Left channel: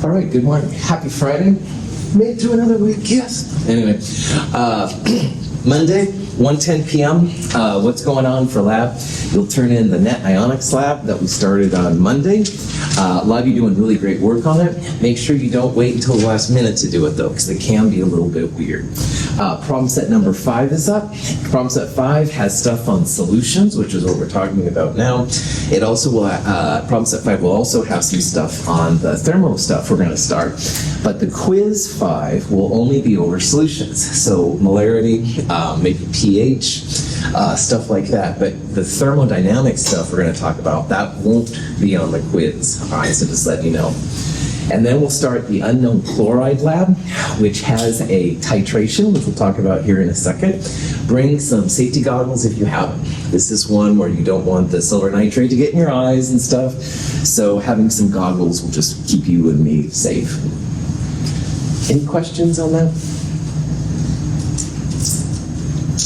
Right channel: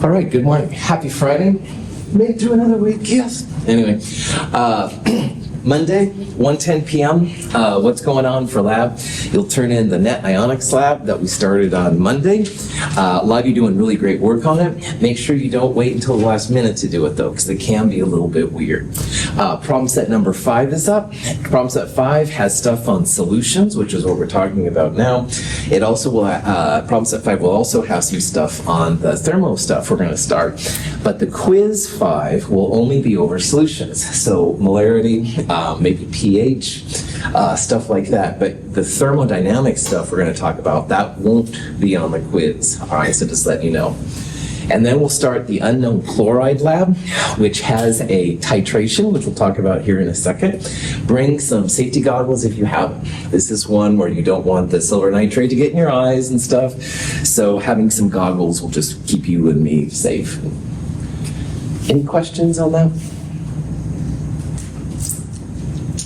All right, good morning. Happy Friday. Made it through another week, yes. Anyway, Monday, 1:10 p.m. What's going on for lab? You'll turn in the net ionics lab that we started on Monday. A lot of you doing really great work on it. Make sure you don't wait until the last minute to do it, though, because it can be a little bit weird. Problem set number 5 is up. Problem set 5 has stuff on solutions, which is what we're talking about now. It also will, problem set 5 will also have some stuff on the thermo stuff we're going to start. But the quiz 5 will only be over solutions. So molarity, maybe pH, stuff like that. But the thermodynamic stuff we're going to talk about, that won't be on the quiz. All right, so just let you know. And then we'll start the unknown chloride lab, which has a titration, which we'll talk about here in a second. Bring some safety goggles if you have them. This is one where you don't want the silver nitrate to get in your eyes and stuff. So having some goggles will just keep you and me safe. Any questions on that?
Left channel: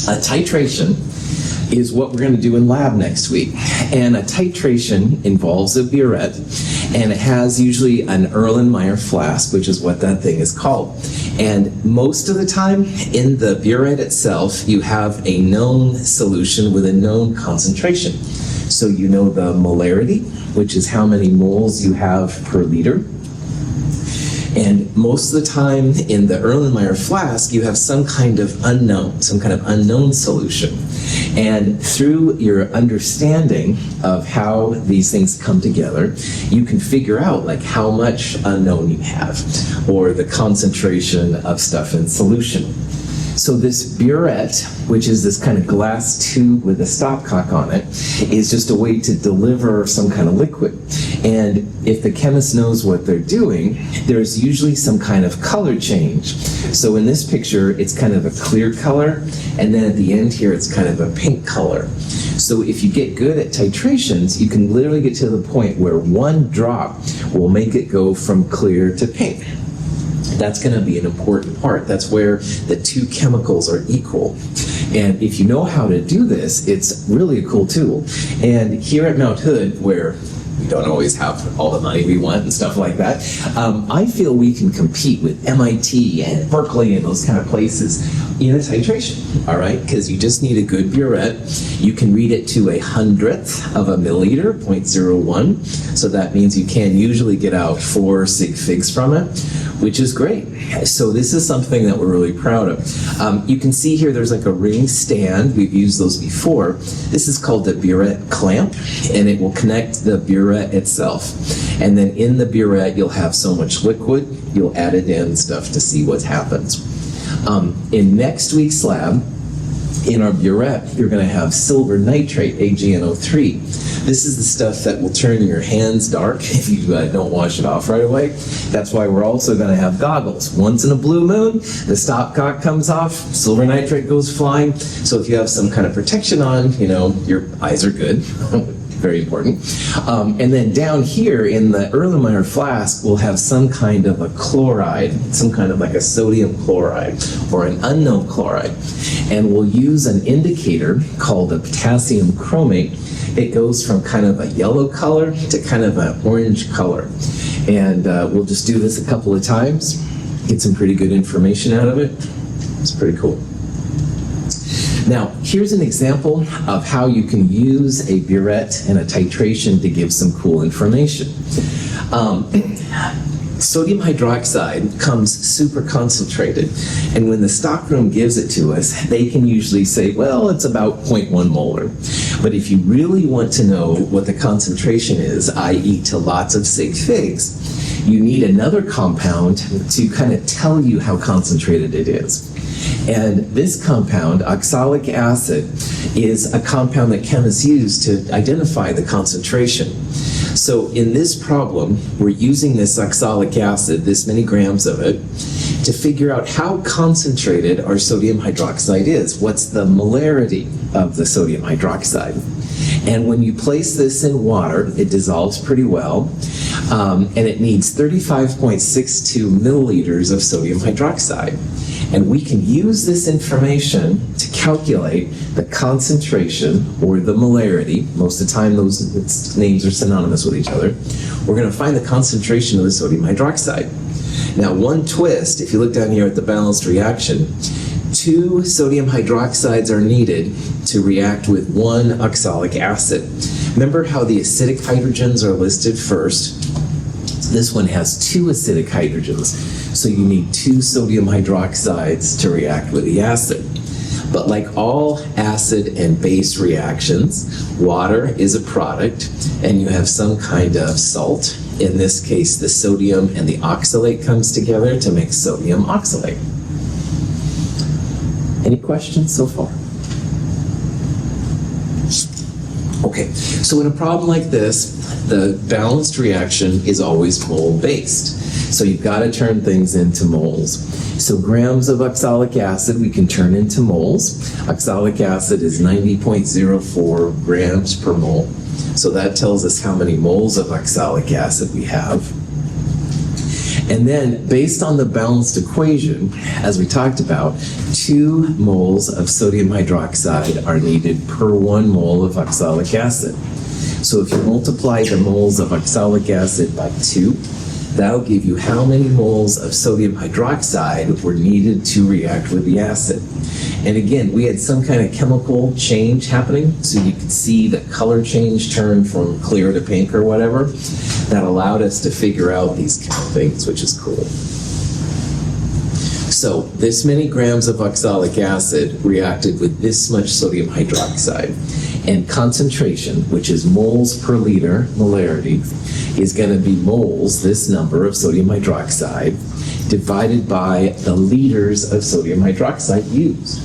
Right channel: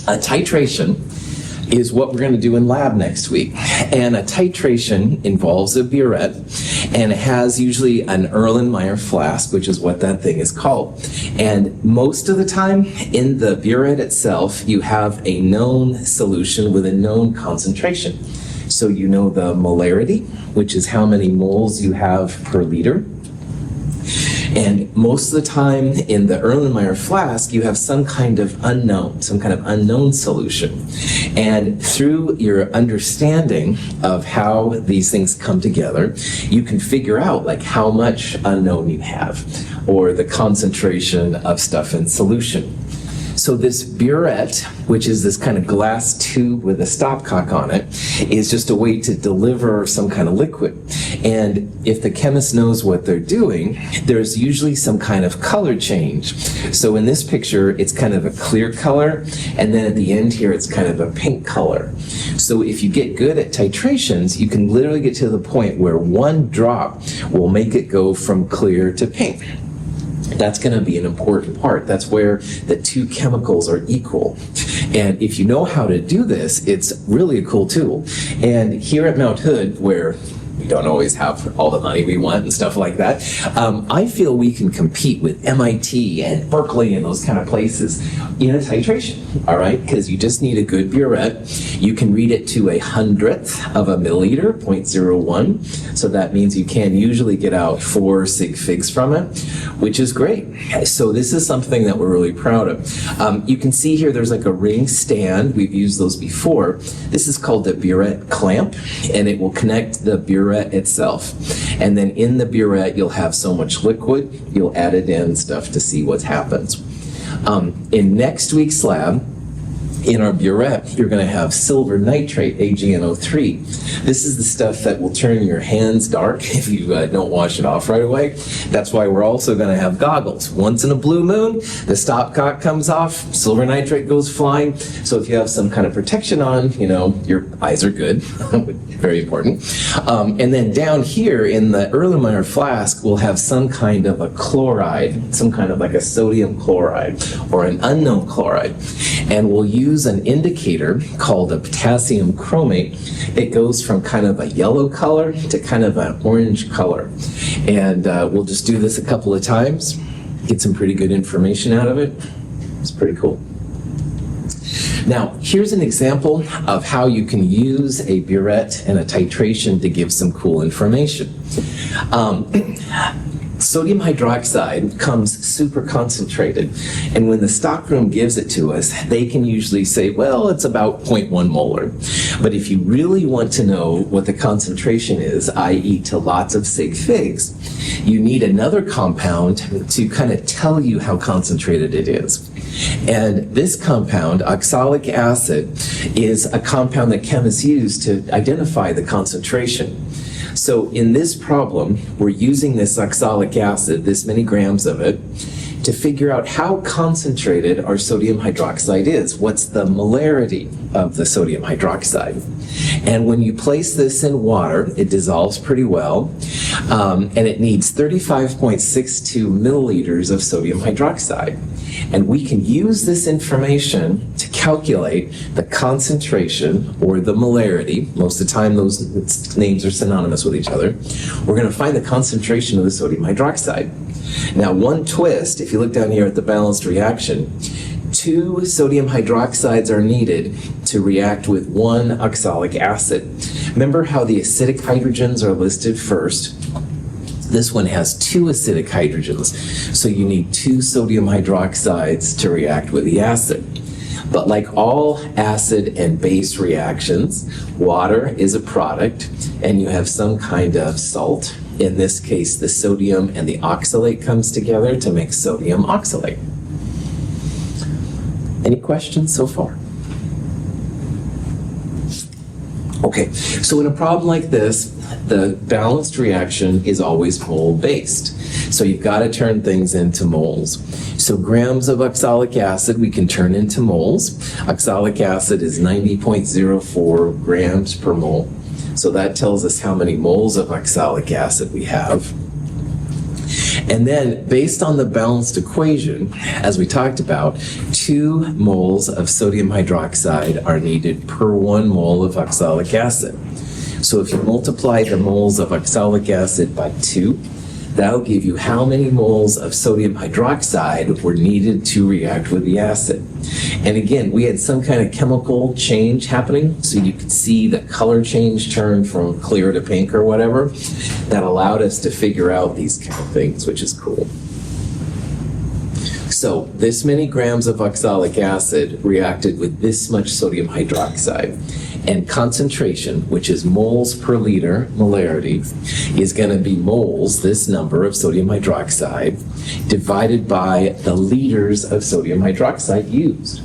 A titration is what we're going to do in lab next week. And a titration involves a burette, and it has usually an Erlenmeyer flask, which is what that thing is called. And most of the time, in the burette itself, you have a known solution with a known concentration. So you know the molarity, which is how many moles you have per liter. And most of the time in the Erlenmeyer flask, you have some kind of unknown solution. And through your understanding of how these things come together, you can figure out like how much unknown you have, or the concentration of stuff in solution. So this burette, which is this kind of glass tube with a stopcock on it, is just a way to deliver some kind of liquid. And if the chemist knows what they're doing, there's usually some kind of color change. So in this picture, it's kind of a clear color, and then at the end here, it's kind of a pink color. So if you get good at titrations, you can literally get to the point where one drop will make it go from clear to pink. That's going to be an important part. That's where the two chemicals are equal. And if you know how to do this, it's really a cool tool. And here at Mount Hood, where we don't always have all the money we want and stuff like that, I feel we can compete with MIT and Berkeley and those kind of places in a titration, all right? Because you just need a good burette. You can read it to 1/100th of a milliliter, 0.01. So that means you can usually get out 4 sig figs from it, which is great. So this is something that we're really proud of. You can see here there's like a ring stand. We've used those before. This is called the burette clamp, and it will connect the burette itself. And then in the burette, you'll have so much liquid, you'll add it in stuff to see what happens. In next week's lab, in our burette, you're going to have silver nitrate, AgNO3. This is the stuff that will turn your hands dark if you don't wash it off right away. That's why we're also going to have goggles. Once in a blue moon, the stopcock comes off, silver nitrate goes flying. So if you have some kind of protection on, you know, your eyes are good. Very important. And then down here in the Erlenmeyer flask, we'll have some kind of a chloride, some kind of like a sodium chloride or an unknown chloride. And we'll use an indicator called a potassium chromate. It goes from kind of a yellow color to kind of an orange color. And we'll just do this a couple of times, get some pretty good information out of it. It's pretty cool. Now, here's an example of how you can use a burette and a titration to give some cool information. Sodium hydroxide comes super concentrated, and when the stockroom gives it to us, they can usually say, well, it's about 0.1 molar. But if you really want to know what the concentration is, i.e. to lots of sig figs, you need another compound to kind of tell you how concentrated it is. And this compound, oxalic acid, is a compound that chemists use to identify the concentration. So in this problem, we're using this oxalic acid, this many grams of it, to figure out how concentrated our sodium hydroxide is. What's the molarity of the sodium hydroxide? And when you place this in water, it dissolves pretty well, and it needs 35.62 milliliters of sodium hydroxide. And we can use this information to calculate the concentration or the molarity. Most of the time those names are synonymous with each other. We're going to find the concentration of the sodium hydroxide. Now, one twist, if you look down here at the balanced reaction, 2 sodium hydroxides are needed to react with 1 oxalic acid. Remember how the acidic hydrogens are listed first? This one has 2 acidic hydrogens, so you need 2 sodium hydroxides to react with the acid. But like all acid and base reactions, water is a product, and you have some kind of salt. In this case, the sodium and the oxalate comes together to make sodium oxalate. Any questions so far? Okay, so in a problem like this, the balanced reaction is always mole-based. So you've got to turn things into moles. So grams of oxalic acid we can turn into moles. Oxalic acid is 90.04 grams per mole. So that tells us how many moles of oxalic acid we have. And then, based on the balanced equation, as we talked about, 2 moles of sodium hydroxide are needed per 1 mole of oxalic acid. So if you multiply the moles of oxalic acid by 2, that'll give you how many moles of sodium hydroxide were needed to react with the acid. And again, we had some kind of chemical change happening, so you could see the color change turn from clear to pink or whatever. That allowed us to figure out these kind of things, which is cool. So this many grams of oxalic acid reacted with this much sodium hydroxide. And concentration, which is moles per liter, molarity, is going to be moles, this number of sodium hydroxide, divided by the liters of sodium hydroxide used.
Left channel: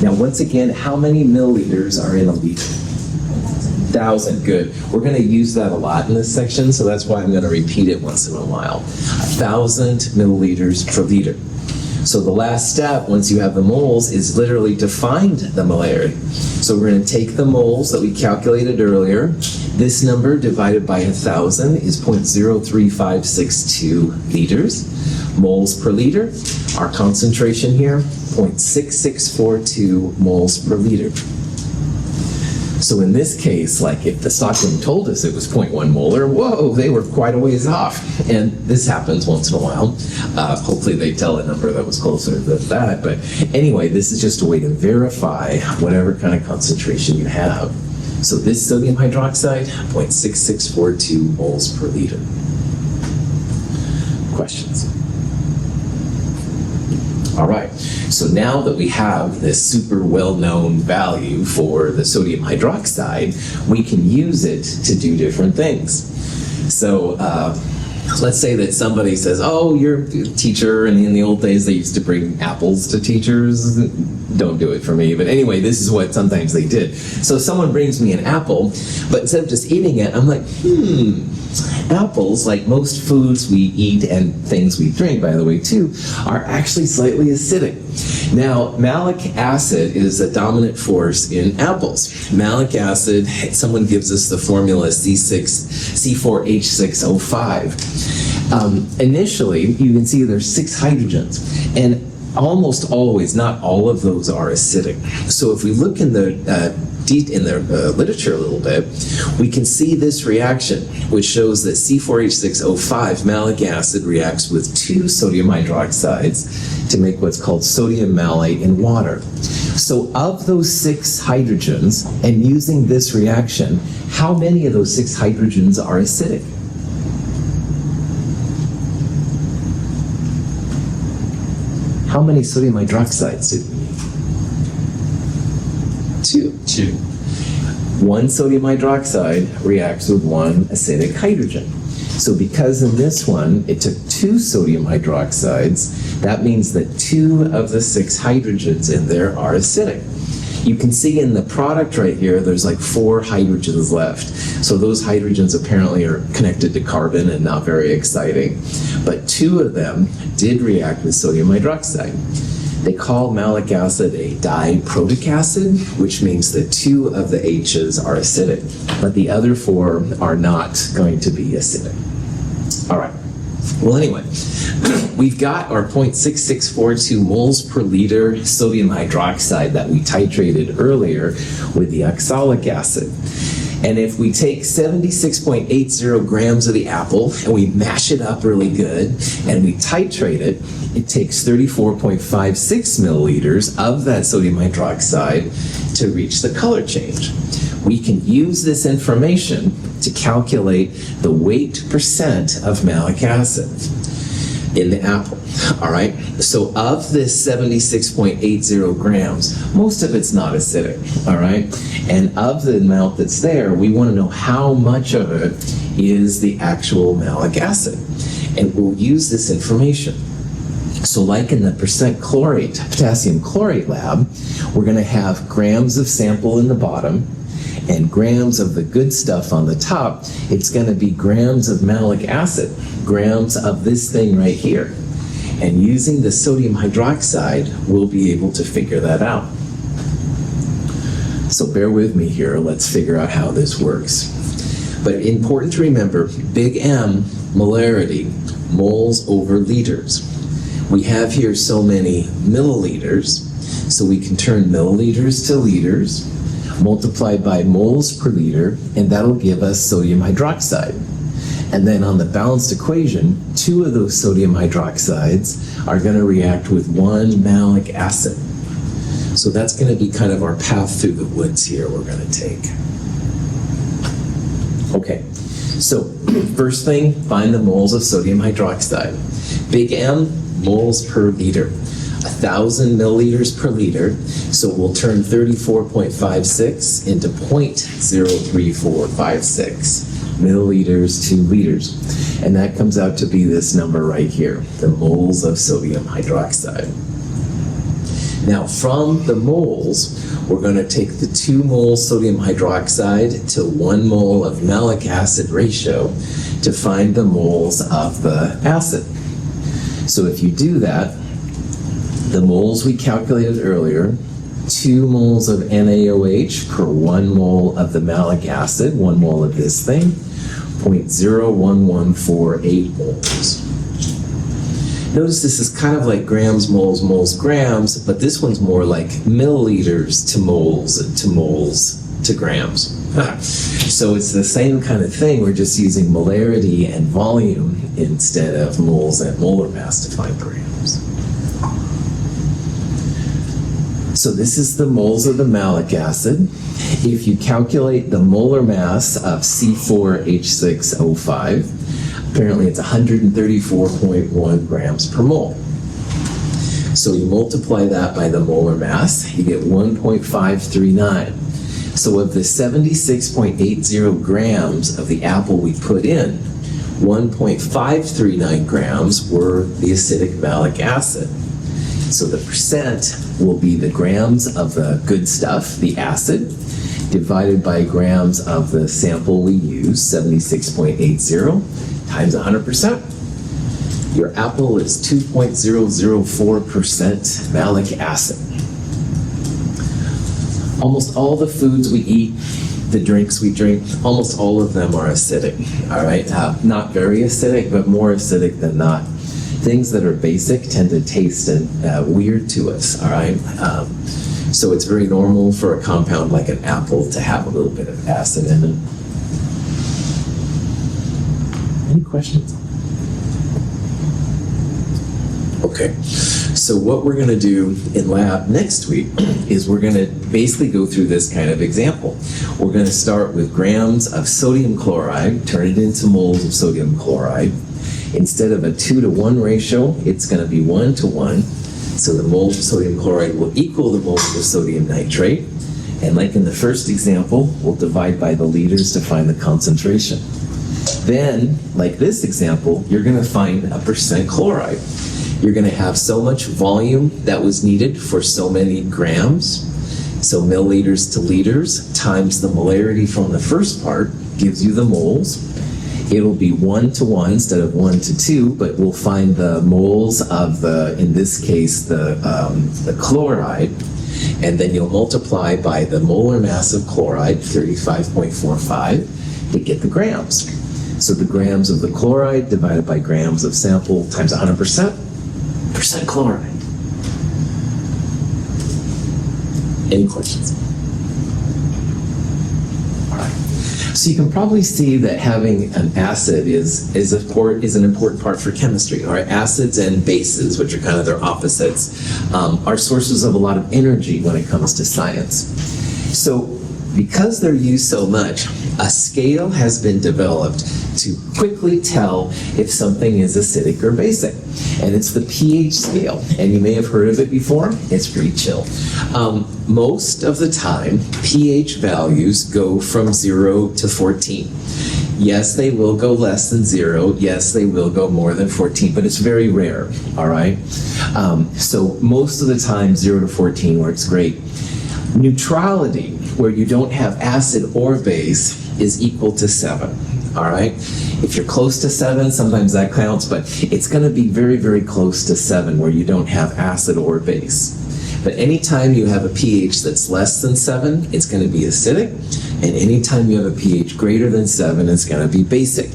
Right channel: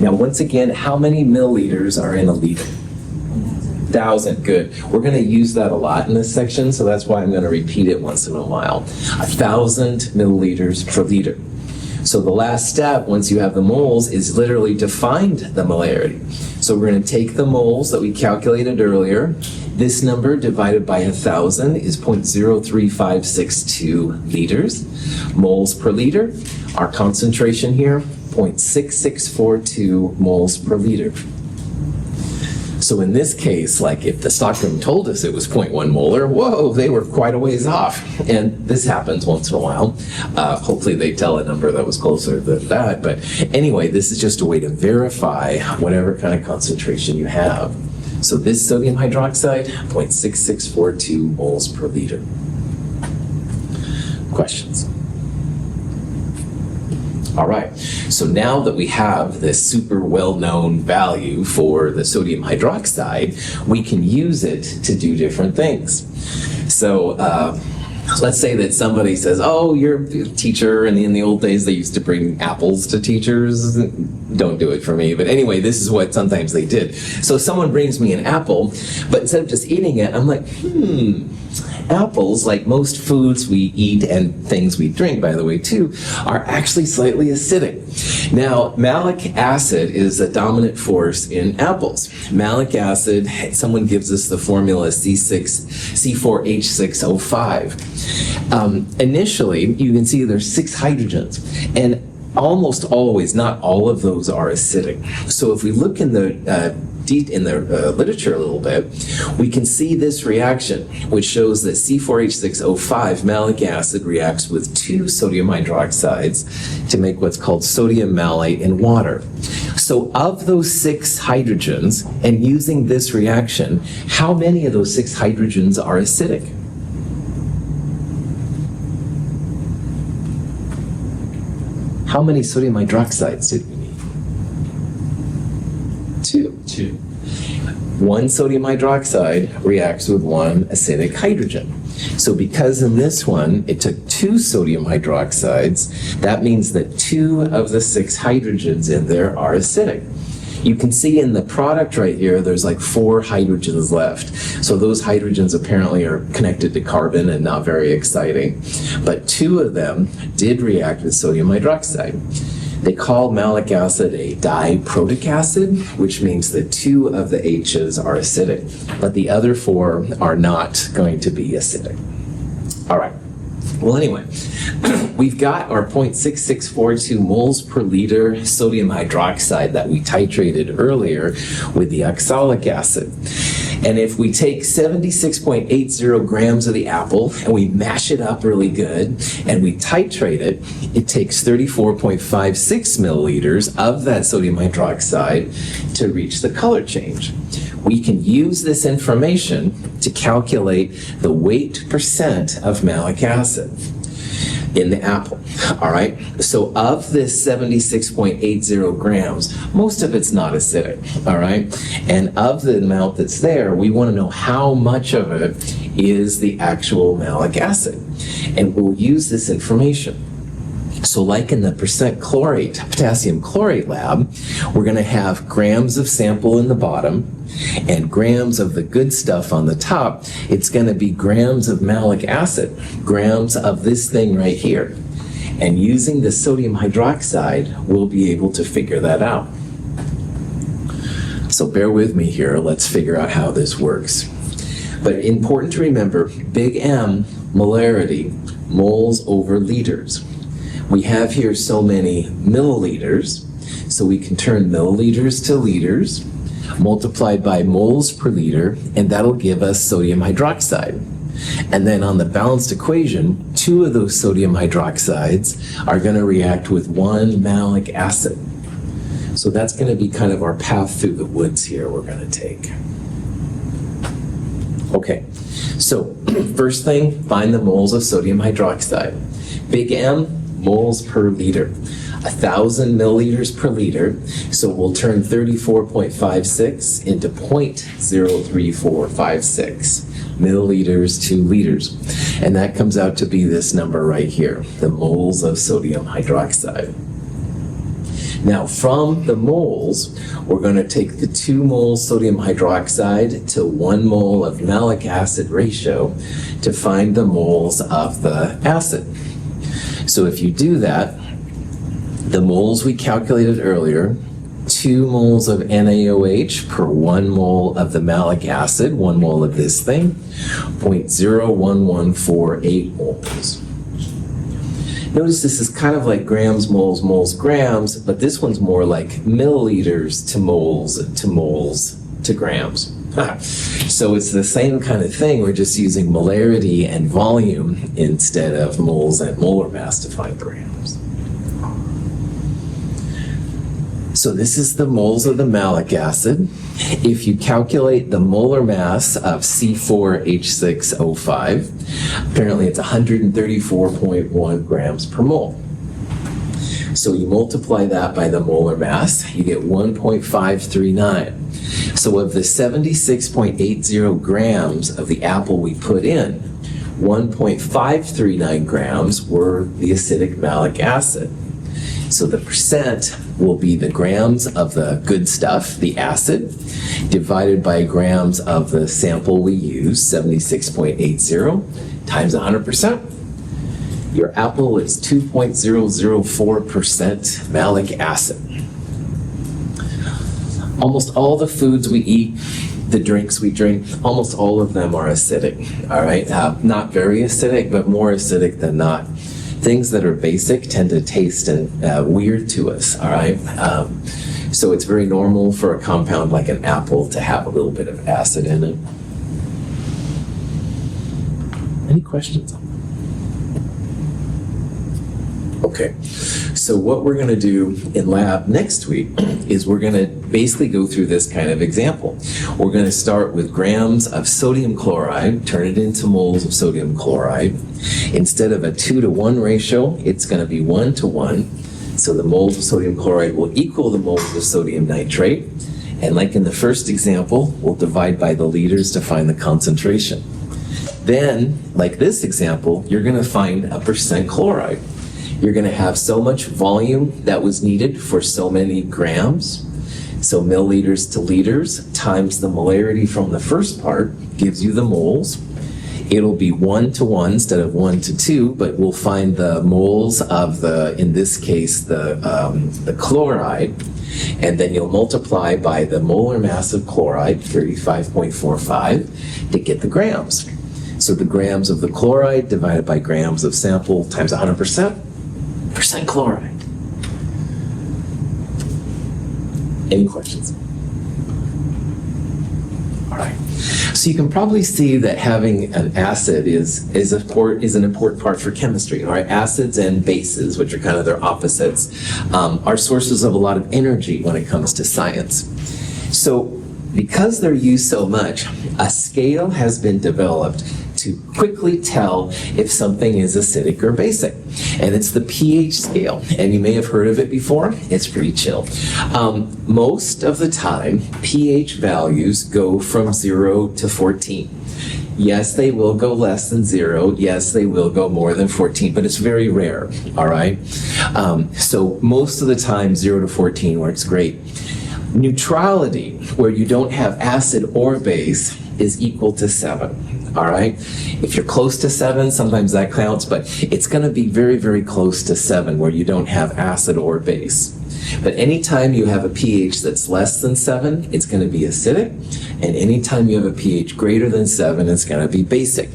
Now, once again, how many milliliters are in a liter? 1,000, good. We're going to use that a lot in this section, so that's why I'm going to repeat it once in a while. 1,000 milliliters per liter. So the last step, once you have the moles, is literally to find the molarity. So we're going to take the moles that we calculated earlier. This number divided by 1,000 is 0.03562 liters. Moles per liter. Our concentration here, 0.6642 moles per liter. So in this case, like if the stockroom told us it was 0.1 molar, whoa, they were quite a ways off. And this happens once in a while. Hopefully they tell a number that was closer than that. But anyway, this is just a way to verify whatever kind of concentration you have. So this sodium hydroxide, 0.6642 moles per liter. Questions? All right, so now that we have this super well-known value for the sodium hydroxide, we can use it to do different things. So let's say that somebody says, oh, you're a teacher, and in the old days they used to bring apples to teachers. Don't do it for me, but anyway, this is what sometimes they did. So someone brings me an apple, but instead of just eating it, I'm like, apples, like most foods we eat and things we drink, by the way, too, are actually slightly acidic. Now, malic acid is a dominant force in apples. Malic acid, someone gives us the formula C4H6O5. Initially, you can see there's 6 hydrogens, and almost always, not all of those are acidic. So if we look in the literature a little bit, we can see this reaction, which shows that C4H6O5 malic acid reacts with 2 sodium hydroxides to make what's called sodium malate in water. So of those 6 hydrogens, and using this reaction, how many of those 6 hydrogens are acidic? How many sodium hydroxides did we need? 2. 1 sodium hydroxide reacts with 1 acidic hydrogen. So because in this one, it took 2 sodium hydroxides, that means that 2 of the 6 hydrogens in there are acidic. You can see in the product right here, there's like 4 hydrogens left. So those hydrogens apparently are connected to carbon and not very exciting. But 2 of them did react with sodium hydroxide. They call malic acid a diprotic acid, which means that 2 of the H's are acidic, but the other 4 are not going to be acidic. All right. Well, anyway, we've got our 0.6642 moles per liter sodium hydroxide that we titrated earlier with the oxalic acid. And if we take 76.80 grams of the apple and we mash it up really good and we titrate it, it takes 34.56 milliliters of that sodium hydroxide to reach the color change. We can use this information to calculate the weight percent of malic acid in the apple. All right, so of this 76.80 grams, most of it's not acidic. All right, and of the amount that's there, we want to know how much of it is the actual malic acid, and we'll use this information. So like in the percent chlorate, potassium chlorate lab, we're going to have grams of sample in the bottom and grams of the good stuff on the top. It's going to be grams of malic acid, grams of this thing right here. And using the sodium hydroxide, we'll be able to figure that out. So bear with me here. Let's figure out how this works. But important to remember, big M, molarity, moles over liters. We have here so many milliliters, so we can turn milliliters to liters, multiplied by moles per liter, and that'll give us sodium hydroxide. And then on the balanced equation, 2 of those sodium hydroxides are going to react with 1 malic acid. So that's going to be kind of our path through the woods here we're going to take. Okay, so first thing, find the moles of sodium hydroxide. Big M, moles per liter. 1,000 milliliters per liter, so we'll turn 34.56 into 0.03456 milliliters to liters. And that comes out to be this number right here, the moles of sodium hydroxide. Now from the moles, we're going to take the 2 moles sodium hydroxide to 1 mole of malic acid ratio to find the moles of the acid. So if you do that, the moles we calculated earlier, 2 moles of NaOH per 1 mole of the malic acid, 1 mole of this thing, 0.01148 moles. Notice this is kind of like grams, moles, moles, grams, but this one's more like milliliters to moles to grams. So it's the same kind of thing, we're just using molarity and volume instead of moles and molar mass to find grams. So this is the moles of the malic acid. If you calculate the molar mass of C4H6O5, apparently it's 134.1 grams per mole. So you multiply that by the molar mass, you get 1.539. So of the 76.80 grams of the apple we put in, 1.539 grams were the acidic malic acid. So the percent will be the grams of the good stuff, the acid, divided by grams of the sample we use, 76.80, times 100%. Your apple is 2.004% malic acid. Almost all the foods we eat, the drinks we drink, almost all of them are acidic, all right? Not very acidic, but more acidic than not. Things that are basic tend to taste weird to us, all right? So it's very normal for a compound like an apple to have a little bit of acid in it. Any questions? Okay, so what we're going to do in lab next week is we're going to basically go through this kind of example. We're going to start with grams of sodium chloride, turn it into moles of sodium chloride. Instead of a 2-to-1 ratio, it's going to be 1-to-1. So the moles of sodium chloride will equal the moles of sodium nitrate. And like in the first example, we'll divide by the liters to find the concentration. Then, like this example, you're going to find a percent chloride. You're going to have so much volume that was needed for so many grams. So milliliters to liters times the molarity from the first part gives you the moles. it'll be 1 to 1 instead of 1 to 2, but we'll find the moles of the, in this case, the chloride, and then you'll multiply by the molar mass of chloride, 35.45, to get the grams. So the grams of the chloride divided by grams of sample times 100%, percent chloride. Any questions? All right. So you can probably see that having an acid is an important part for chemistry. All right, acids and bases, which are kind of their opposites, are sources of a lot of energy when it comes to science. So because they're used so much, a scale has been developed to quickly tell if something is acidic or basic. And it's the pH scale. And you may have heard of it before. It's pretty chill. Most of the time, pH values go from 0 to 14. Yes, they will go less than 0. Yes, they will go more than 14, but it's very rare, all right? So most of the time, 0 to 14 works great. Neutrality, where you don't have acid or base, is equal to 7. All right? If you're close to 7, sometimes that counts, but it's going to be very, very close to 7 where you don't have acid or base. But anytime you have a pH that's less than 7, it's going to be acidic, and anytime you have a pH greater than 7, it's going to be basic.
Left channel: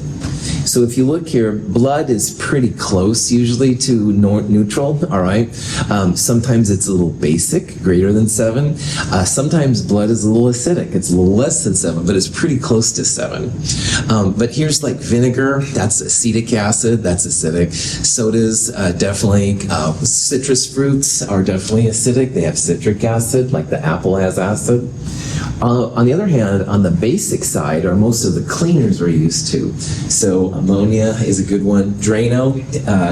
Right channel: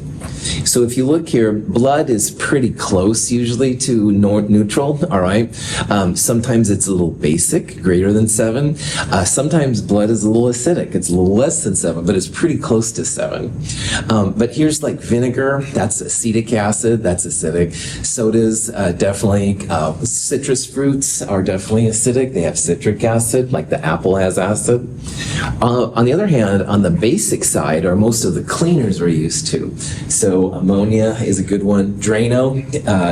So if you look here, blood is pretty close usually to neutral, all right? Sometimes it's a little basic, greater than 7. Sometimes blood is a little acidic. It's a little less than 7, but it's pretty close to 7. But here's like vinegar, that's acetic acid, that's acidic. Sodas, definitely. Citrus fruits are definitely acidic. They have citric acid, like the apple has acid. On the other hand, on the basic side are most of the cleaners we're used to. So ammonia is a good one. Drano,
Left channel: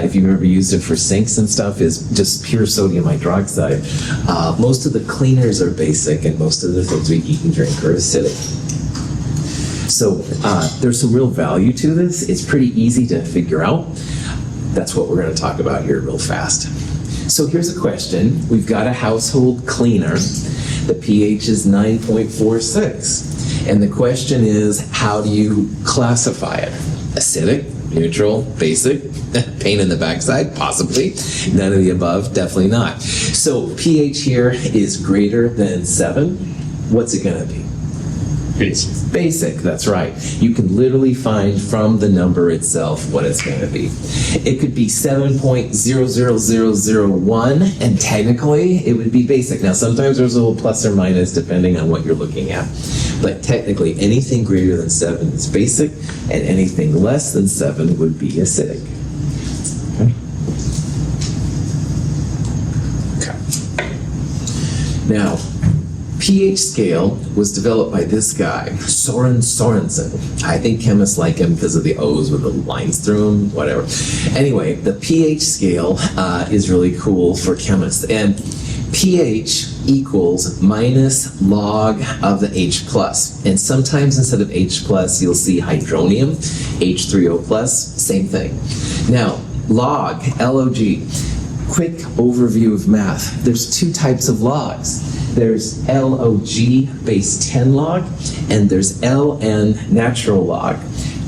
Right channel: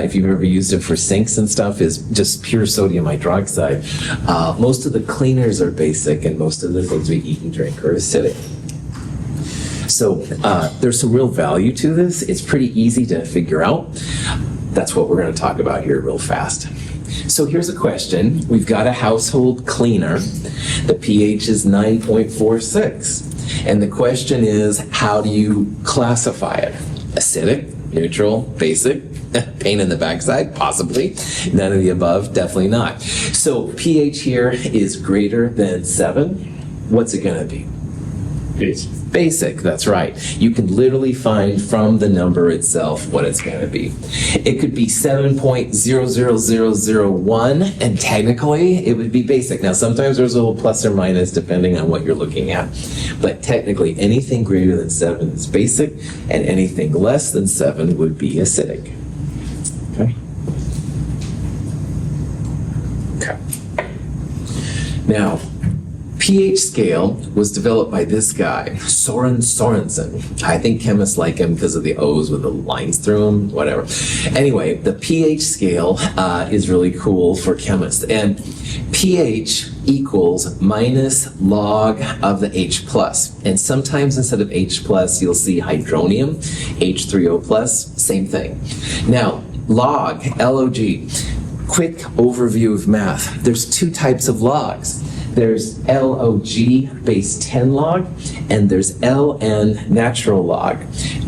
if you've ever used it for sinks and stuff, is just pure sodium hydroxide. Most of the cleaners are basic, and most of the things we eat and drink are acidic. So there's some real value to this. It's pretty easy to figure out. That's what we're going to talk about here real fast. So here's a question. We've got a household cleaner. The pH is 9.46. And the question is, how do you classify it? Acidic, neutral, basic, pain in the backside, possibly. None of the above, definitely not. So pH here is greater than 7. What's it going to be? Basic. Basic, that's right. You can literally find from the number itself what it's going to be. It could be 7.00001, and technically it would be basic. Now, sometimes there's a little plus or minus depending on what you're looking at. But technically, anything greater than 7 is basic, and anything less than 7 would be acidic. Okay. Now, pH scale was developed by this guy, Sorensen. I think chemists like him because of the O's with the lines through them, whatever. Anyway, the pH scale is really cool for chemists. And pH equals minus log of the H plus. And sometimes instead of H plus, you'll see hydronium, H3O plus, same thing. Now, log, L-O-G, quick overview of math. There's two types of logs. There's LOG base 10 log, and there's LN natural log.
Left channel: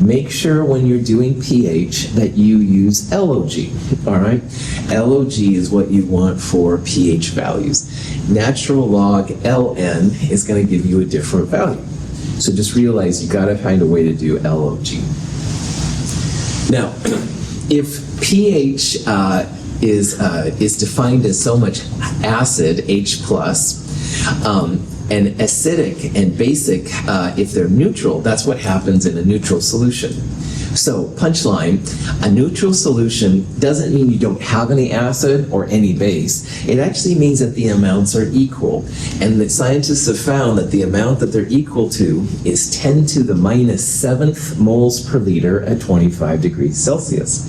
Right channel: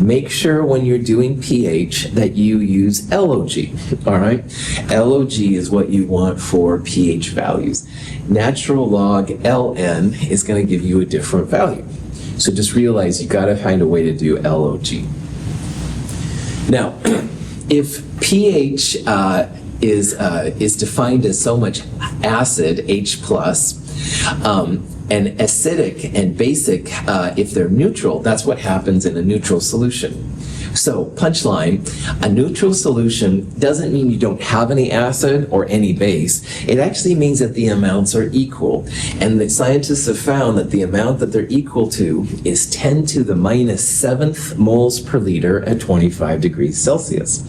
Make sure when you're doing pH that you use LOG, all right? LOG is what you want for pH values. Natural log LN is going to give you a different value. So just realize you got to find a way to do LOG. Now, if pH is defined as so much acid, H plus, and acidic and basic, if they're neutral, that's what happens in a neutral solution. So, punchline, a neutral solution doesn't mean you don't have any acid or any base. It actually means that the amounts are equal. And the scientists have found that the amount that they're equal to is 10 to the minus 7th moles per liter at 25 degrees Celsius.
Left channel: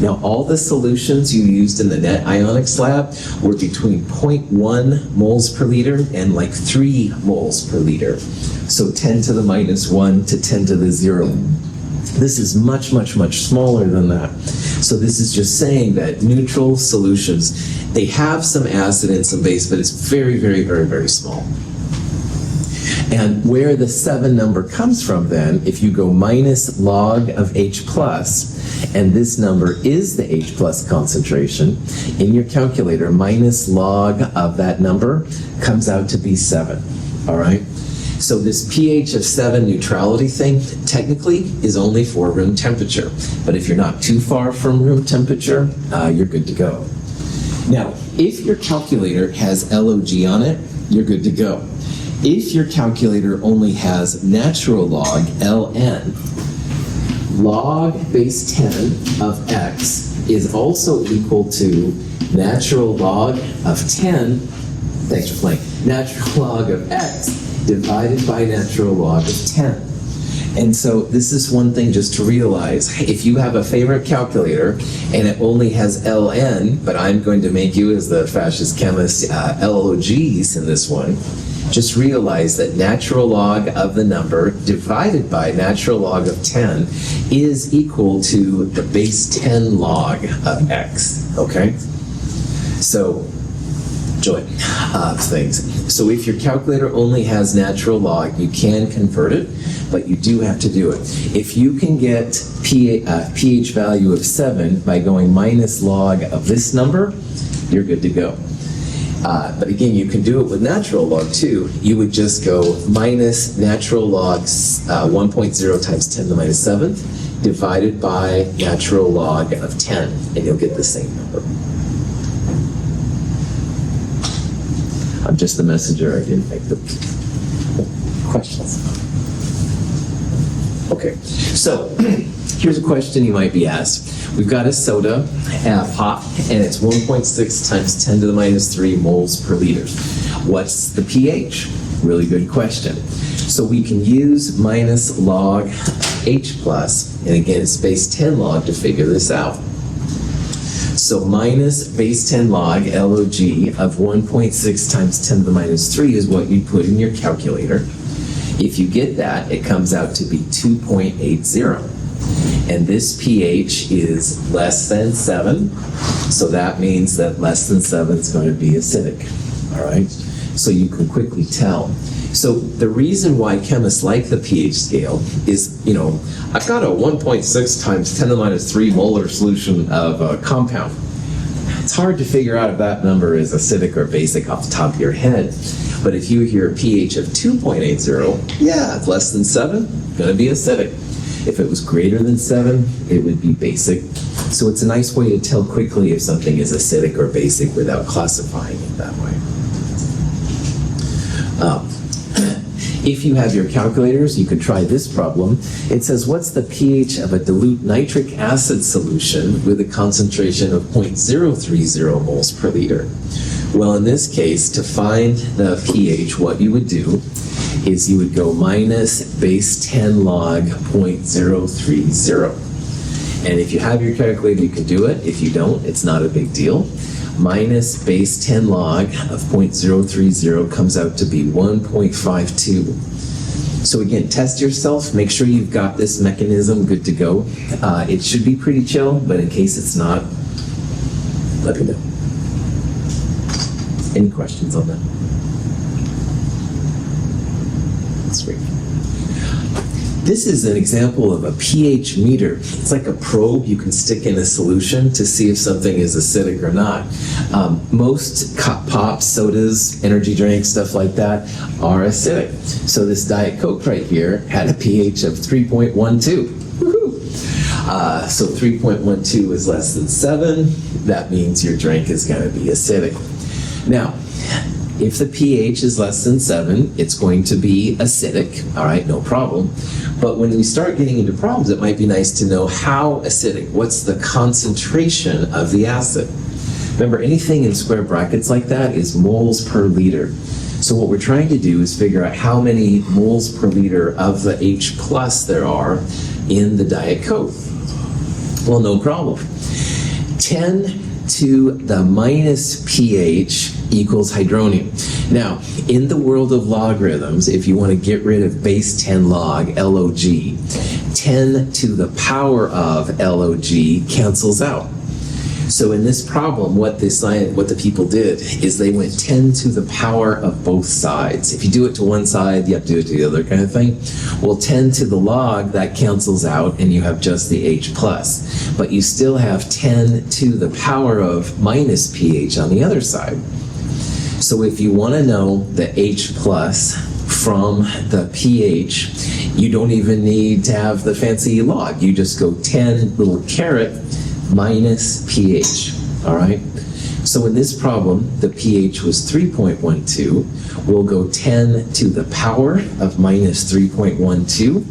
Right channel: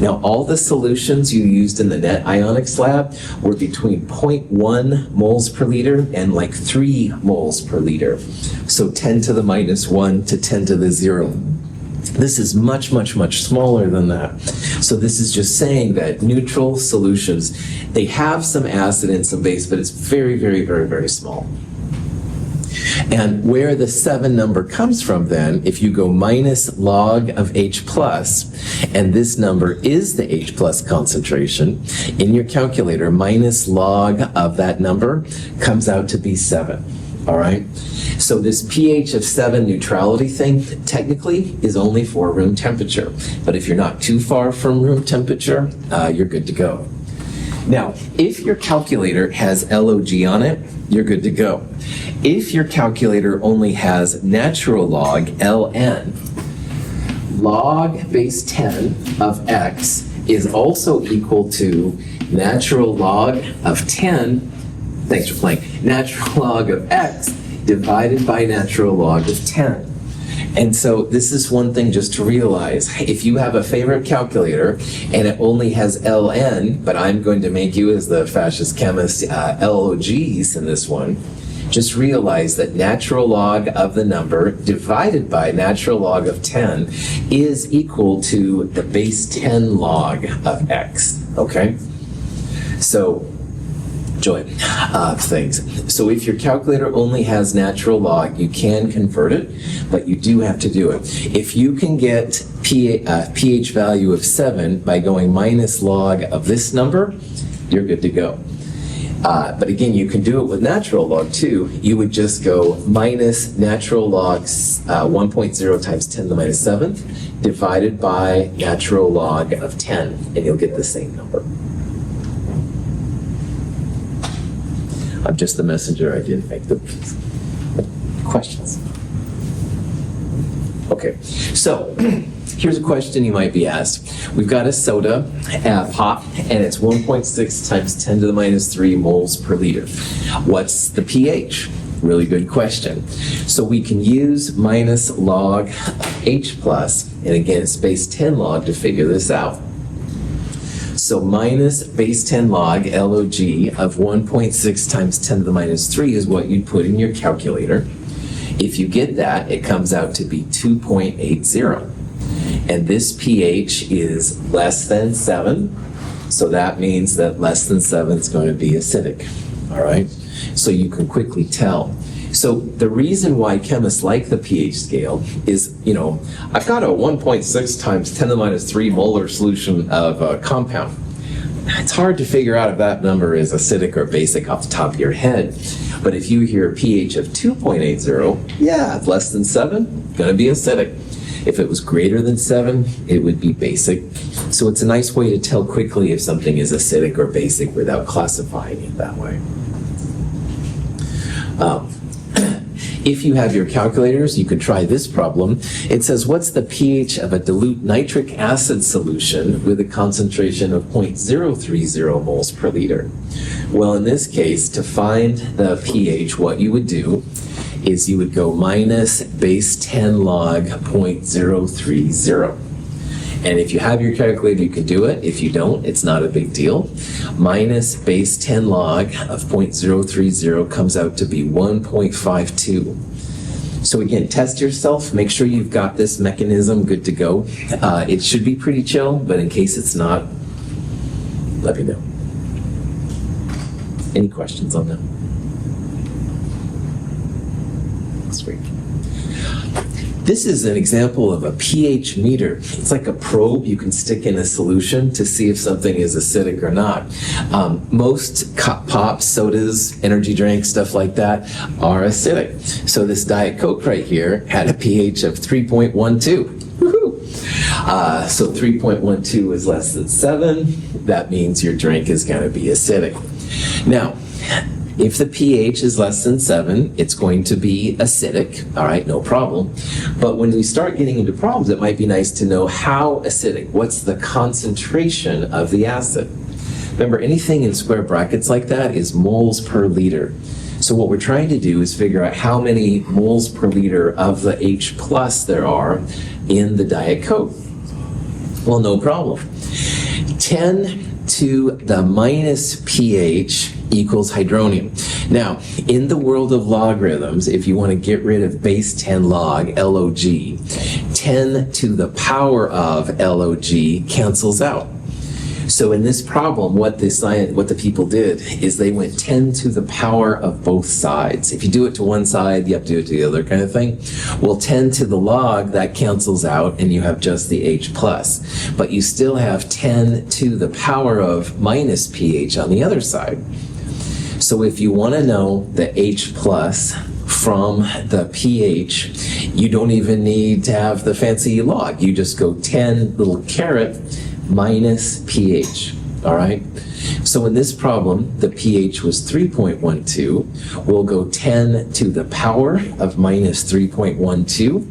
Now, all the solutions you used in the net ionics lab were between 0.1 moles per liter and like 3 moles per liter. So 10 to the minus 1 to 10 to the 0. This is much, much, much smaller than that. So this is just saying that neutral solutions, they have some acid and some base, but it's very, very, very, very small. And where the 7 number comes from then, if you go minus log of H plus, and this number is the H plus concentration, in your calculator, minus log of that number comes out to be 7, all right? So this pH of 7 neutrality thing technically is only for room temperature. But if you're not too far from room temperature, you're good to go. Now, if your calculator has LOG on it, you're good to go. If your calculator only has natural log ln, log base 10 of x is also equal to natural log of 10, thanks for playing, natural log of x divided by natural log of 10. And so this is one thing just to realize. If you have a favorite calculator and it only has ln, but I'm going to make you as the fascist chemist LOGs in this one, just realize that natural log of the number divided by natural log of 10 is equal to the base 10 log of x, okay? So, joy of things. So if your calculator only has natural log, you can convert it, but you do have to do it. If you can get pH value of 7 by going minus log of this number, you're good to go. But again, you can do it with natural log too. You would just go minus natural log 1.0 times 10 to the minus 7 divided by natural log of 10, and you'll get the same number. I'm just the messenger. I didn't make the questions. Okay, so here's a question you might be asked. We've got a soda pop, and it's 1.6 times 10 to the minus 3 moles per liter. What's the pH? Really good question. So we can use minus log H plus, and again, it's base 10 log to figure this out. So minus base 10 log LOG of 1.6 times 10 to the minus 3 is what you put in your calculator. If you get that, it comes out to be 2.80. And this pH is less than 7, so that means that less than 7 is going to be acidic, all right? So you can quickly tell. So the reason why chemists like the pH scale is, you know, I've got a 1.6 times 10 to the minus 3 molar solution of a compound. It's hard to figure out if that number is acidic or basic off the top of your head. But if you hear a pH of 2.80, yeah, less than 7, going to be acidic. If it was greater than 7, it would be basic. So it's a nice way to tell quickly if something is acidic or basic without classifying it that way. If you have your calculators, you could try this problem. It says, what's the pH of a dilute nitric acid solution with a concentration of 0.030 moles per liter? Well, in this case, to find the pH, what you would do is you would go minus base 10 log 0.030. And if you have your calculator, you can do it. If you don't, it's not a big deal. Minus base 10 log of 0.030 comes out to be 1.52. So again, test yourself. Make sure you've got this mechanism good to go. It should be pretty chill, but in case it's not, let me know. Any questions on that? Sweet. This is an example of a pH meter. It's like a probe you can stick in a solution to see if something is acidic or not. Most pops, sodas, energy drinks, stuff like that are acidic. So this Diet Coke right here had a pH of 3.12. Woohoo! So 3.12 is less than 7. That means your drink is going to be acidic. Now, if the pH is less than 7, it's going to be acidic, all right, no problem. But when we start getting into problems, it might be nice to know how acidic, what's the concentration of the acid. Remember, anything in square brackets like that is moles per liter. So what we're trying to do is figure out how many moles per liter of the H plus there are in the Diet Coke. Well, no problem. 10 to the minus pH equals hydronium. Now, in the world of logarithms, if you want to get rid of base 10 log, LOG, 10 to the power of LOG cancels out. So in this problem, what the people did is they went 10 to the power of both sides. If you do it to one side, you have to do it to the other kind of thing. Well, 10 to the log, that cancels out, and you have just the H plus. But you still have 10 to the power of minus pH on the other side. So if you want to know the H plus from the pH, you don't even need to have the fancy log. You just go 10 little caret minus pH, all right? So in this problem, the pH was 3.12. We'll go 10 to the power of minus 3.12.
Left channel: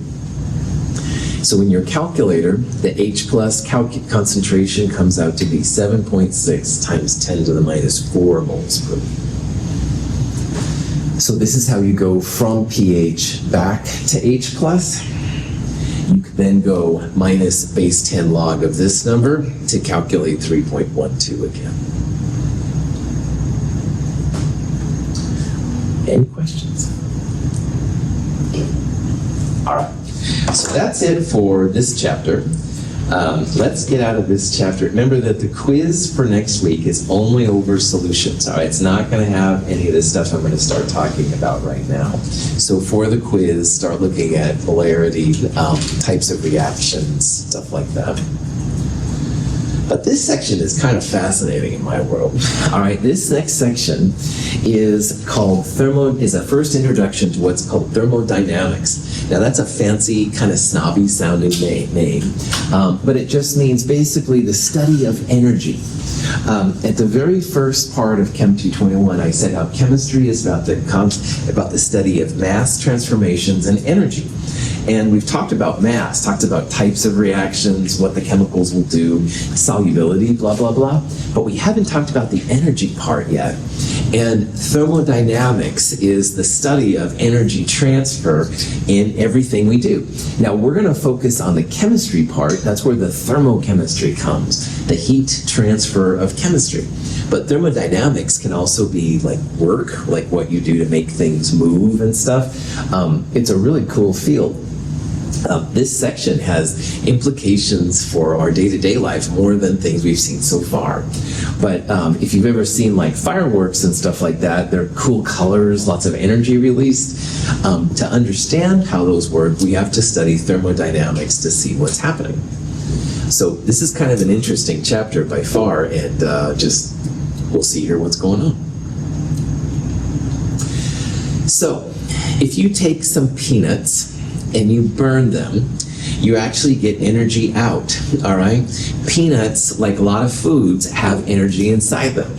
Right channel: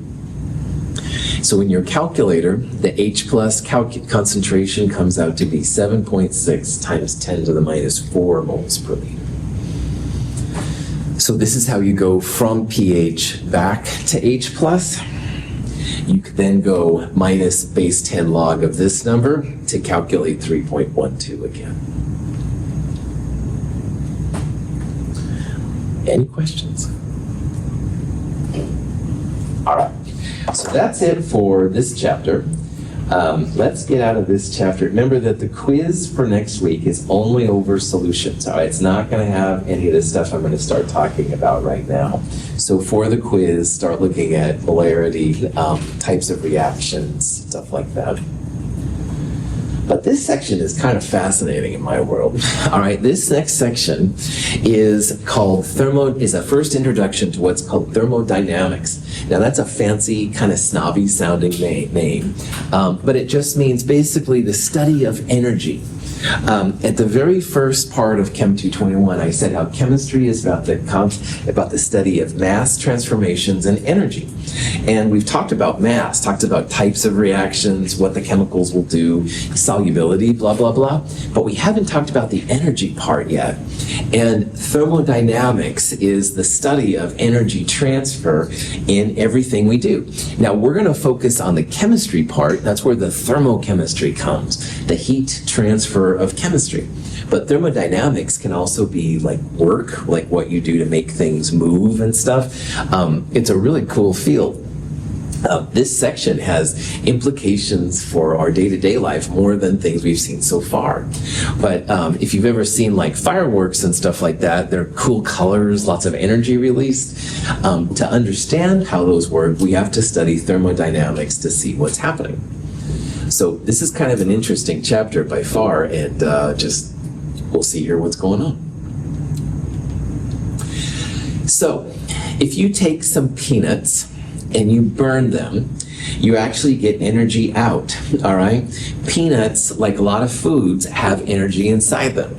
So in your calculator, the H plus concentration comes out to be 7.6 times 10 to the minus 4 moles per liter. So this is how you go from pH back to H plus. You could then go minus base 10 log of this number to calculate 3.12 again. Any questions? All right. So that's it for this chapter. Let's get out of this chapter. Remember that the quiz for next week is only over solutions. All right, it's not going to have any of this stuff I'm going to start talking about right now. So for the quiz, start looking at polarity, types of reactions, stuff like that. But this section is kind of fascinating in my world. All right, this next section is called is a first introduction to what's called thermodynamics. Now that's a fancy, kind of snobby sounding name, but it just means basically the study of energy. At the very first part of Chem 221, I said how chemistry is about the study of mass transformations and energy. And we've talked about mass, talked about types of reactions, what the chemicals will do, solubility, blah, blah, blah. But we haven't talked about the energy part yet. And thermodynamics is the study of energy transfer in everything we do. Now, we're going to focus on the chemistry part. That's where the thermochemistry comes, the heat transfer of chemistry. But thermodynamics can also be like work, like what you do to make things move and stuff. It's a really cool field. This section has implications for our day-to-day life more than things we've seen so far. But if you've ever seen like fireworks and stuff like that, they're cool colors, lots of energy released. To understand how those work, we have to study thermodynamics to see what's happening. So this is kind of an interesting chapter by far, and we'll see here what's going on. So if you take some peanuts and you burn them, you actually get energy out, all right? Peanuts, like a lot of foods, have energy inside them.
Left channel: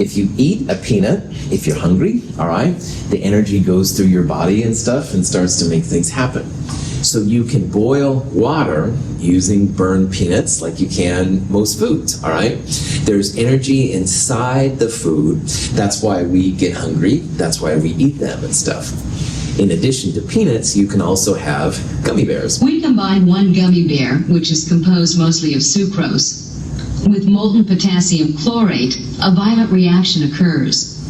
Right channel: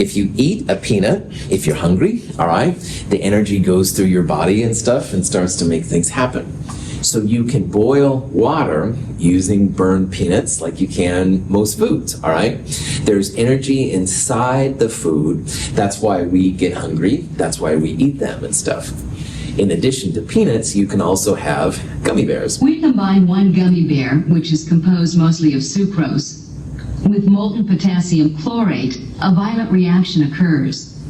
If you eat a peanut, if you're hungry, all right, the energy goes through your body and stuff and starts to make things happen. So you can boil water using burned peanuts like you can most foods, all right? There's energy inside the food. That's why we get hungry. That's why we eat them and stuff. In addition to peanuts, you can also have gummy bears. We combine one gummy bear, which is composed mostly of sucrose, with molten potassium chlorate. A violent reaction occurs.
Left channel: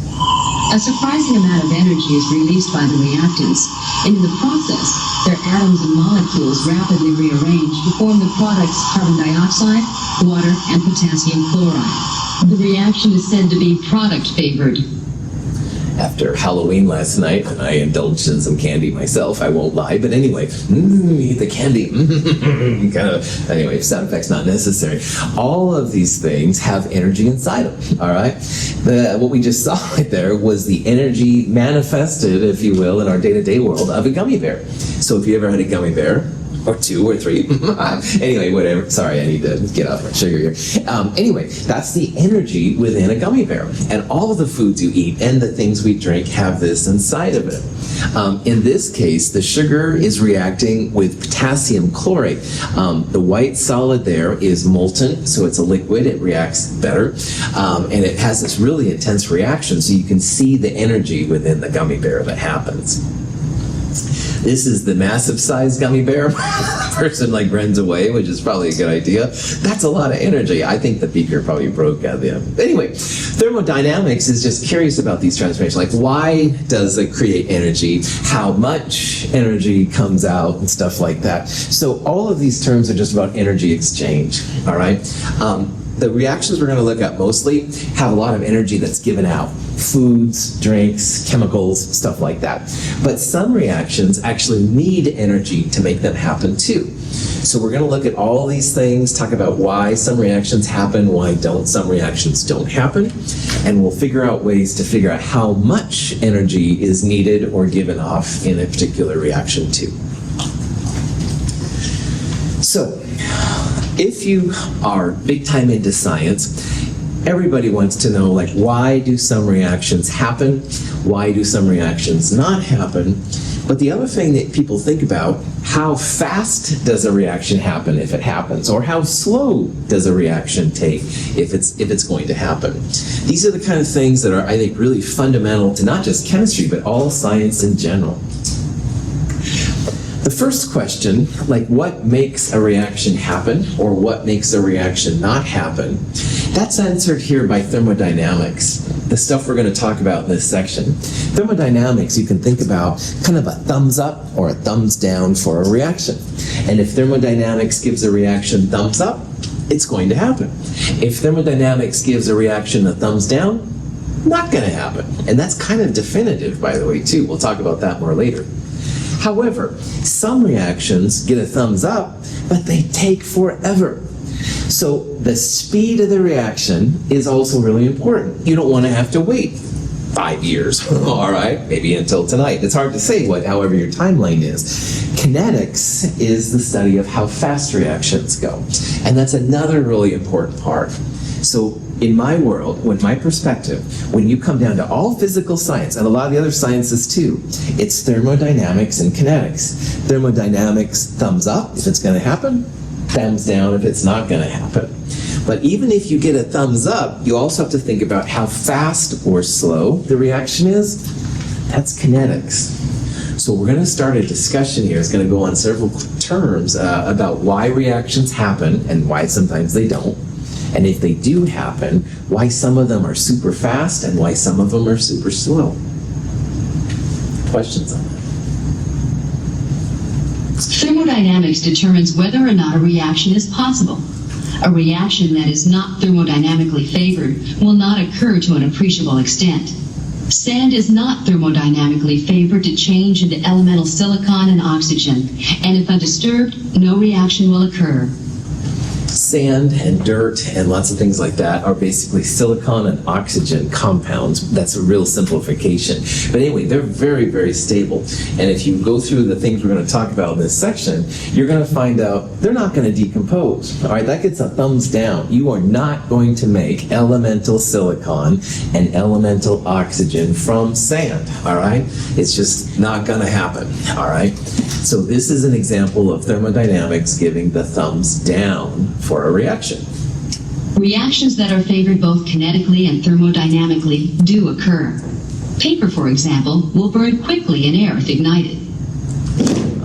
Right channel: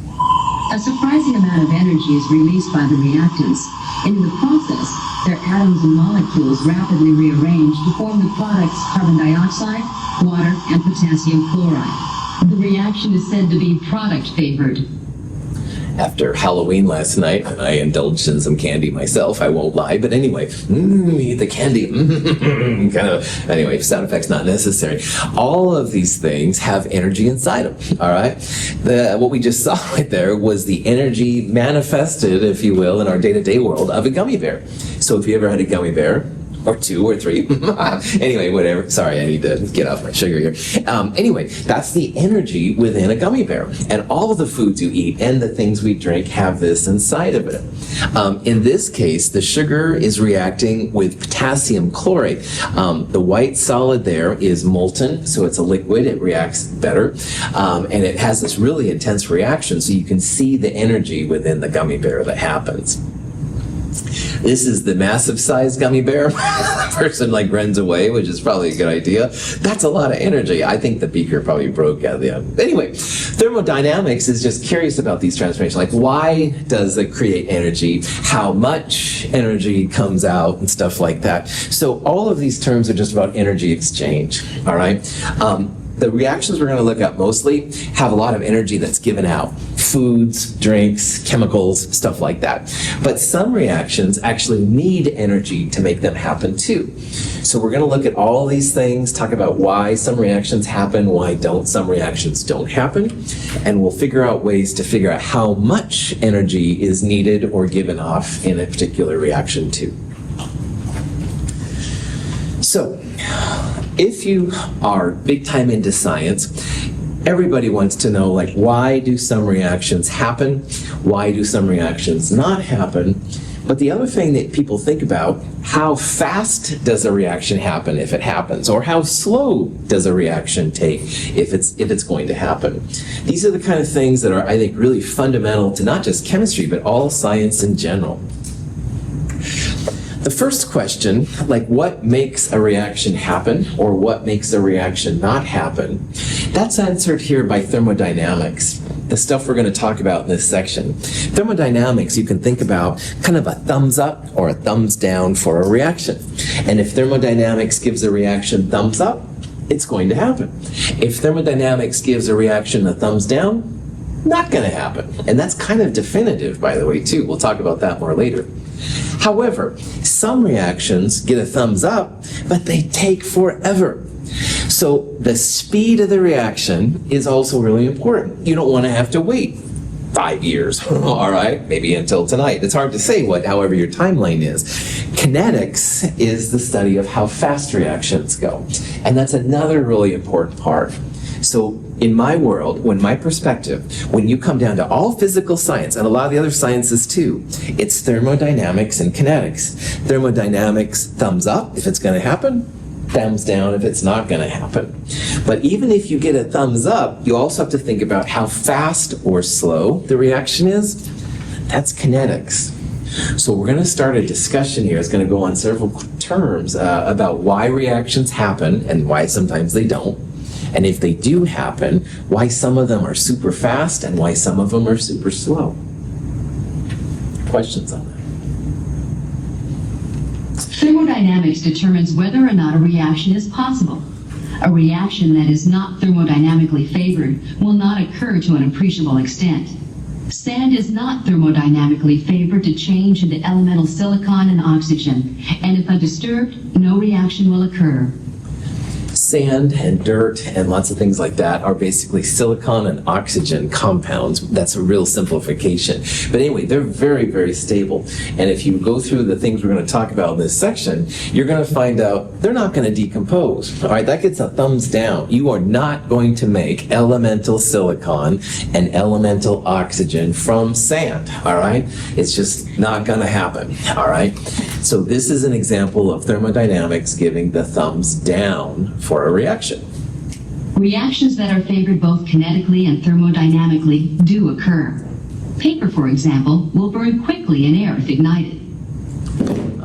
A surprising amount of energy is released by the reactants. In the process, their atoms and molecules rapidly rearrange to form the products carbon dioxide, water, and potassium chloride. The reaction is said to be product-favored. After Halloween last night, I indulged in some candy myself, I won't lie, but anyway, eat the candy, anyway, sound effects not necessary. All of these things have energy inside them, all right? What we just saw right there was the energy manifested, if you will, in our day-to-day world of a gummy bear. So if you ever had a gummy bear, or 2 or 3. Anyway, whatever. Sorry, I need to get off my sugar here. Anyway, that's the energy within a gummy bear. And all of the foods you eat and the things we drink have this inside of it. In this case, the sugar is reacting with potassium chlorate. The white solid there is molten, so it's a liquid. It reacts better. And it has this really intense reaction, so you can see the energy within the gummy bear that happens. This is the massive size gummy bear. The person runs away, which is probably a good idea. That's a lot of energy. I think the beaker probably broke out there. Anyway, thermodynamics is just curious about these transformations. Like, why does it create energy? How much energy comes out and stuff like that. So all of these terms are just about energy exchange, all right? The reactions we're going to look at mostly have a lot of energy that's given out. Foods, drinks, chemicals, stuff like that. But some reactions actually need energy to make them happen too. So we're going to look at all these things, talk about why some reactions happen, why don't some reactions don't happen, and we'll figure out ways to figure out how much energy is needed or given off in a particular reaction too. So, if you are big time into science, everybody wants to know, like, why do some reactions happen? Why do some reactions not happen? But the other thing that people think about, how fast does a reaction happen if it happens? Or how slow does a reaction take if it's going to happen? These are the kind of things that are, I think, really fundamental to not just chemistry, but all science in general. The first question, like what makes a reaction happen or what makes a reaction not happen, that's answered here by thermodynamics, the stuff we're going to talk about in this section. Thermodynamics, you can think about kind of a thumbs up or a thumbs down for a reaction. And if thermodynamics gives a reaction thumbs up, it's going to happen. If thermodynamics gives a reaction a thumbs down, not going to happen. And that's kind of definitive, by the way, too. We'll talk about that more later. However, some reactions get a thumbs up, but they take forever. So the speed of the reaction is also really important. You don't want to have to wait 5 years, all right, maybe until tonight. It's hard to say however your timeline is. Kinetics is the study of how fast reactions go, and that's another really important part. So in my world, my perspective, when you come down to all physical science, and a lot of the other sciences too, it's thermodynamics and kinetics. Thermodynamics, thumbs up if it's going to happen, thumbs down if it's not going to happen. But even if you get a thumbs up, you also have to think about how fast or slow the reaction is. That's kinetics. So we're going to start a discussion here. It's going to go on several terms about why reactions happen and why sometimes they don't. And if they do happen, why some of them are super fast and why some of them are super slow. Questions on that? Thermodynamics determines whether or not a reaction is possible. A reaction that is not thermodynamically favored will not occur to an appreciable extent. Sand is not thermodynamically favored to change into elemental silicon and oxygen, and if undisturbed, no reaction will occur. Sand and dirt and lots of things like that are basically silicon and oxygen compounds. That's a real simplification. But anyway, they're very, very stable. And if you go through the things we're going to talk about in this section, you're going to find out they're not going to decompose. All right, that gets a thumbs down. You are not going to make elemental silicon and elemental oxygen from sand. All right, it's just not going to happen. All right. So this is an example of thermodynamics giving the thumbs down for a reaction. Reactions that are favored both kinetically and thermodynamically do occur. Paper, for example, will burn quickly in air if ignited.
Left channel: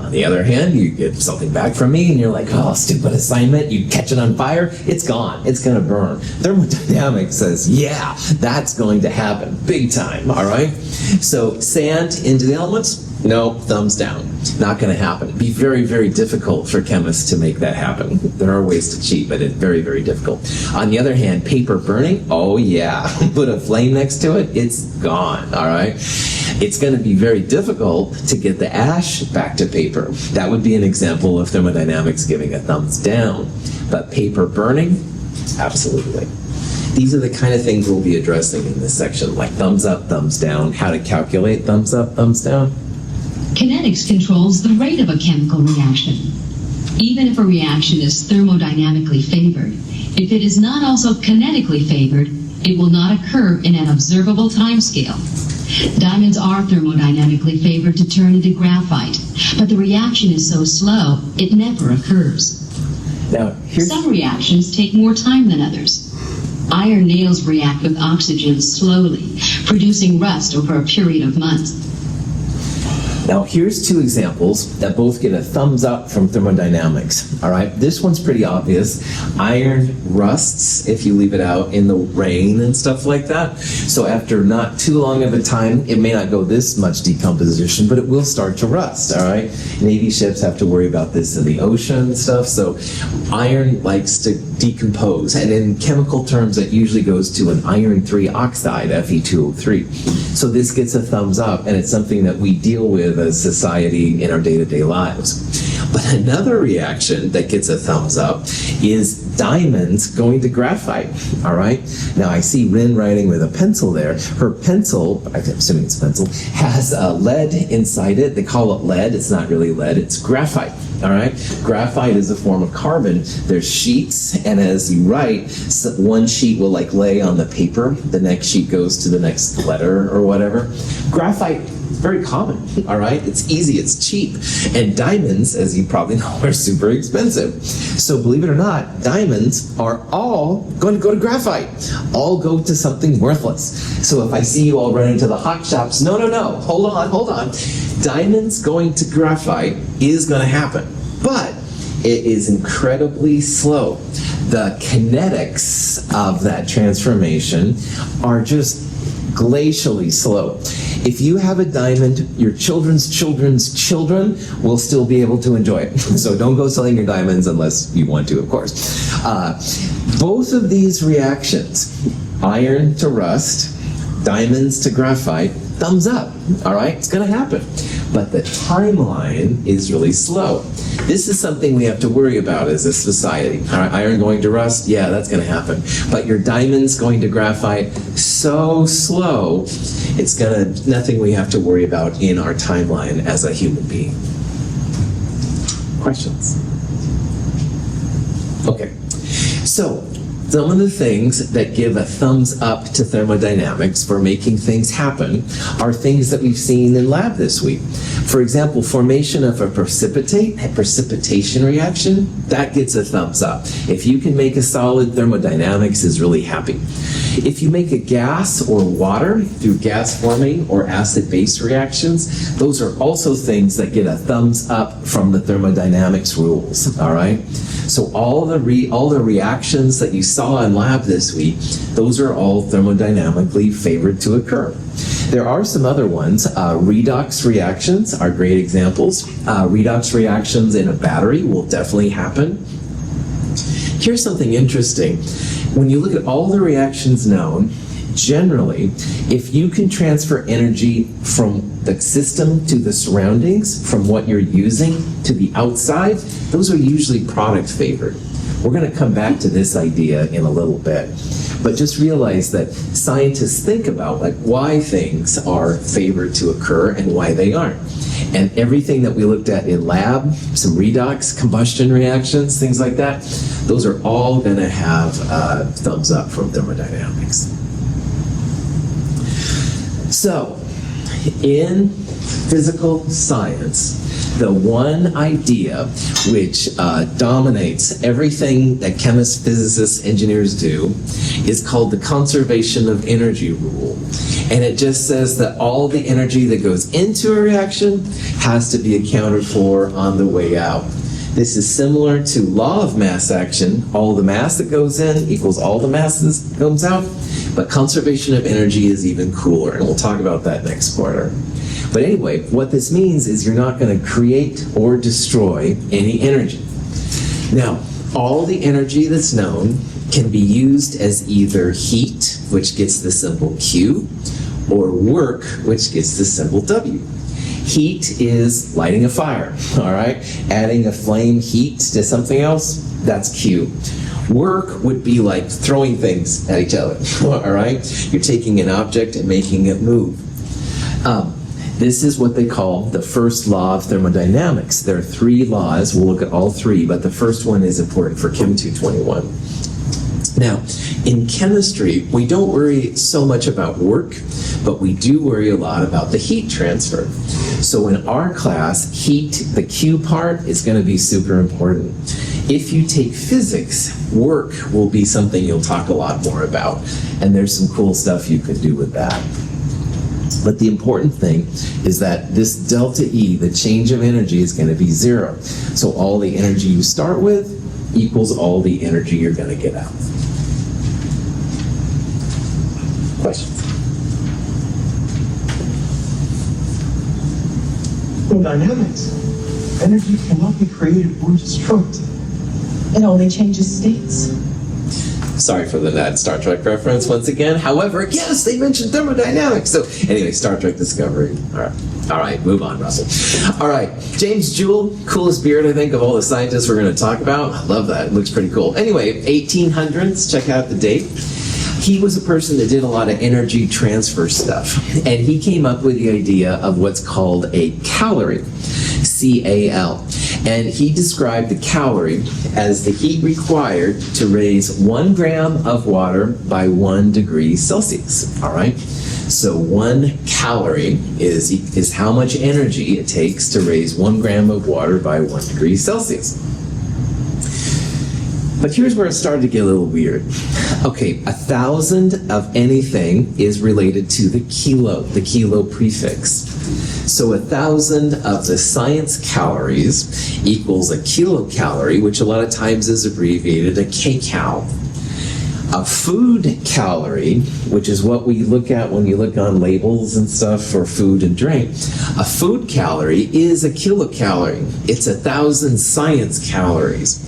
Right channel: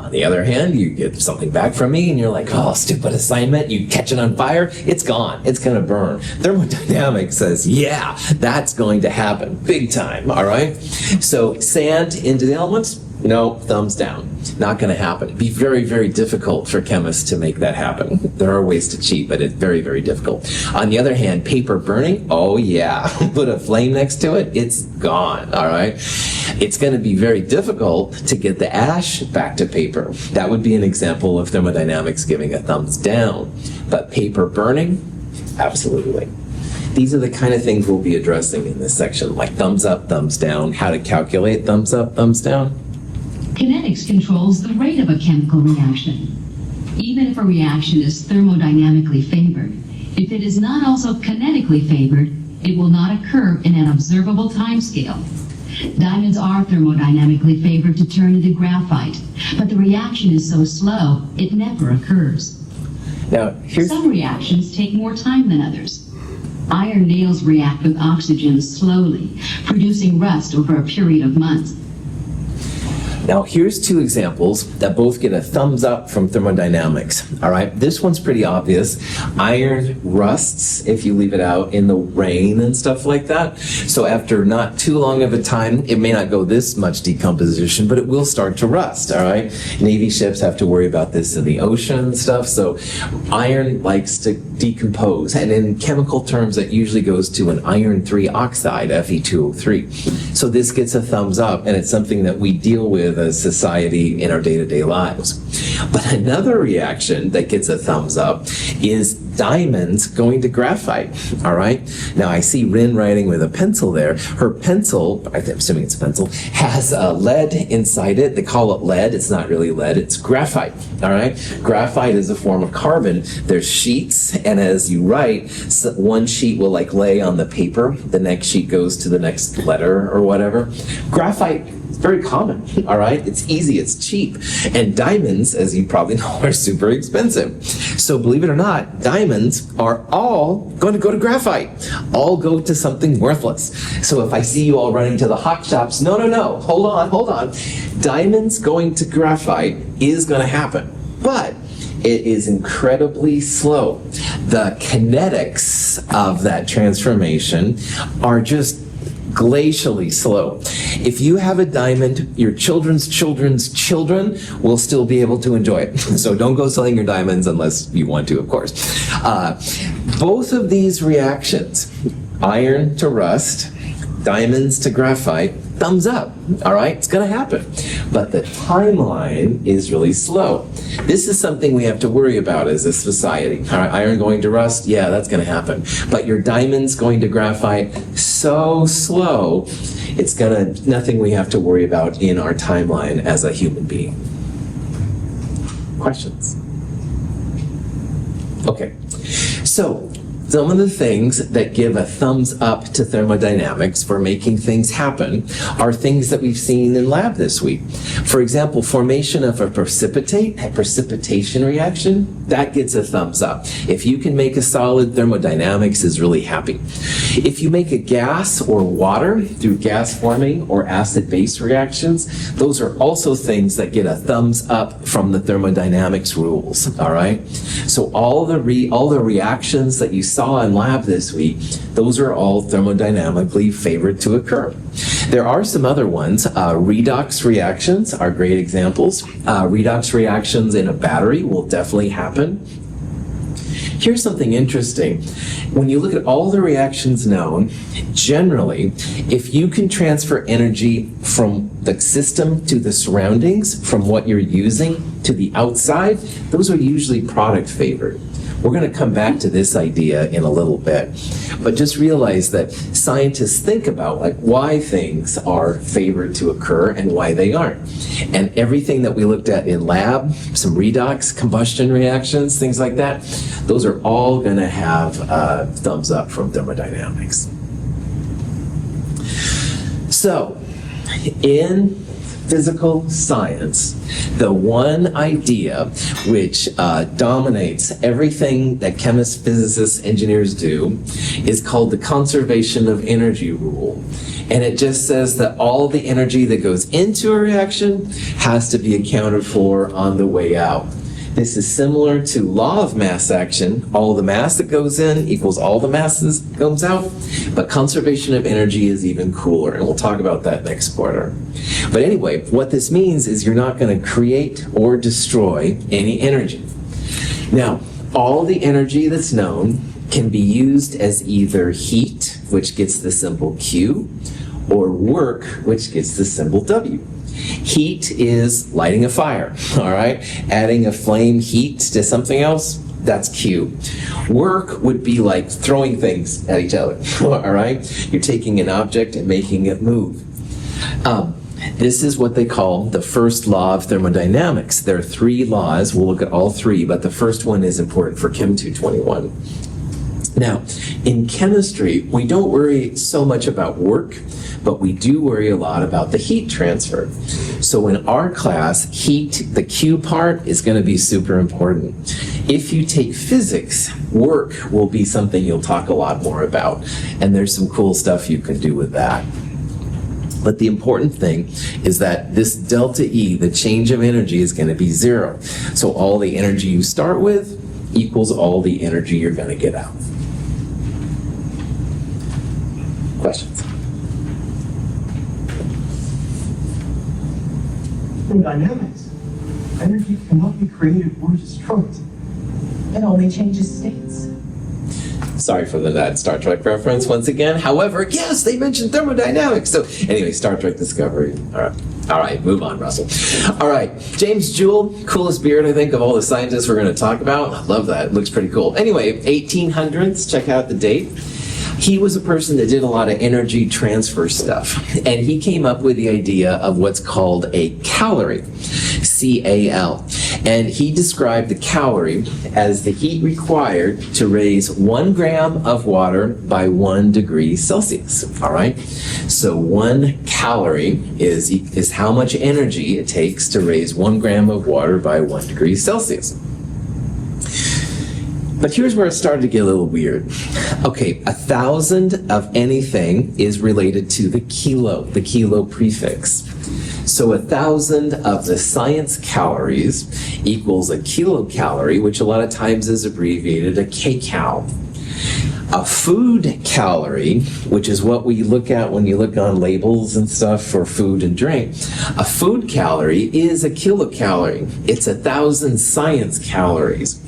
On the other hand, you get something back from me and you're like, oh, stupid assignment, you catch it on fire, it's gone, it's going to burn. Thermodynamics says, yeah, that's going to happen, big time, all right? So sand into the elements, no, thumbs down. Not going to happen. It'd be very, very difficult for chemists to make that happen. There are ways to cheat, but it's very, very difficult. On the other hand, paper burning, oh yeah. Put a flame next to it, it's gone, all right? It's going to be very difficult to get the ash back to paper. That would be an example of thermodynamics giving a thumbs down. But paper burning, absolutely. These are the kind of things we'll be addressing in this section, like thumbs up, thumbs down, how to calculate thumbs up, thumbs down. Kinetics controls the rate of a chemical reaction. Even if a reaction is thermodynamically favored, if it is not also kinetically favored, it will not occur in an observable timescale. Diamonds are thermodynamically favored to turn into graphite, but the reaction is so slow, it never occurs. Now, Some reactions take more time than others. Iron nails react with oxygen slowly, producing rust over a period of months. Now, here's two examples that both get a thumbs up from thermodynamics. All right, this one's pretty obvious. Iron rusts if you leave it out in the rain and stuff like that. So after not too long of a time, it may not go this much decomposition, but it will start to rust. All right, Navy ships have to worry about this in the ocean and stuff. So iron likes to decompose, and in chemical terms, that usually goes to an iron 3 oxide, Fe2O3. So this gets a thumbs up, and it's something that we deal with as society in our day-to-day lives. But another reaction that gets a thumbs up is diamonds going to graphite. All right. Now I see Rin writing with a pencil there. Her pencil, I'm assuming it's a pencil, has lead inside it. They call it lead. It's not really lead. It's graphite. All right. Graphite is a form of carbon. There's sheets, and as you write, one sheet will like lay on the paper. The next sheet goes to the next letter or whatever. Graphite, very common, all right? It's easy, it's cheap. And diamonds, as you probably know, are super expensive. So believe it or not, diamonds are all going to go to graphite, all go to something worthless. So if I see you all running to the hot shops, no, hold on. Diamonds going to graphite is going to happen, but it is incredibly slow. The kinetics of that transformation are just glacially slow. If you have a diamond, your children's children will still be able to enjoy it. So don't go selling your diamonds unless you want to, of course. Both of these reactions, iron to rust, diamonds to graphite, thumbs up, all right? It's going to happen. But the timeline is really slow. This is something we have to worry about as a society. All right, iron going to rust, yeah, that's going to happen. But your diamonds going to graphite, so slow, it's nothing we have to worry about in our timeline as a human being. Questions? Okay, so some of the things that give a thumbs up to thermodynamics for making things happen are things that we've seen in lab this week. For example, formation of a precipitation reaction, that gets a thumbs up. If you can make a solid, thermodynamics is really happy. If you make a gas or water through gas forming or acid-base reactions, those are also things that get a thumbs up from the thermodynamics rules, all right? So all the reactions that you saw in lab this week, those are all thermodynamically favored to occur. There are some other ones. Redox reactions are great examples. Redox reactions in a battery will definitely happen. Here's something interesting. When you look at all the reactions known, generally, if you can transfer energy from the system to the surroundings, from what you're using to the outside, those are usually product favored. We're going to come back to this idea in a little bit. But just realize that scientists think about why things are favored to occur and why they aren't. And everything that we looked at in lab, some redox, combustion reactions, things like that, those are all going to have thumbs up from thermodynamics. So, in physical science, the one idea which dominates everything that chemists, physicists, engineers do is called the conservation of energy rule. And it just says that all the energy that goes into a reaction has to be accounted for on the way out. This is similar to law of mass action. All the mass that goes in equals all the mass that comes out. But conservation of energy is even cooler, and we'll talk about that next quarter. But anyway, what this means is you're not going to create or destroy any energy. Now, all the energy that's known can be used as either heat, which gets the symbol Q, or work, which gets the symbol W. Heat is lighting a fire, all right? Adding a flame heat to something else, that's Q. Work would be like throwing things at each other, all right? You're taking an object and making it move. This is what they call the first law of thermodynamics. There are 3 laws. We'll look at all 3, but the first one is important for Chem 221. Now, in chemistry, we don't worry so much about work, but we do worry a lot about the heat transfer. So in our class, heat, the Q part, is going to be super important. If you take physics, work will be something you'll talk a lot more about, and there's some cool stuff you could do with that. But the important thing is that this delta E, the change of energy, is going to be 0. So all the energy you start with equals all the energy you're going to get out. Questions? Thermodynamics. Energy cannot be created or destroyed. It only changes states. Sorry for the bad Star Trek reference once again. However, yes, they mentioned thermodynamics. So anyway, Star Trek Discovery. All right, move on, Russell. All right, James Joule, coolest beard, I think, of all the scientists we're going to talk about. Love that. Looks pretty cool. Anyway, 1800s, check out the date. He was a person that did a lot of energy transfer stuff, and he came up with the idea of what's called a calorie, C-A-L. And he described the calorie as the heat required to raise 1 gram of water by 1 degree Celsius. All right? So 1 calorie is how much energy it takes to raise 1 gram of water by 1 degree Celsius. But here's where it started to get a little weird. Okay, 1,000 of anything is related to the kilo prefix. So 1,000 of the science calories equals a kilocalorie, which a lot of times is abbreviated a kcal. A food calorie, which is what we look at when you look on labels and stuff for food and drink, a food calorie is a kilocalorie. It's 1,000 science calories.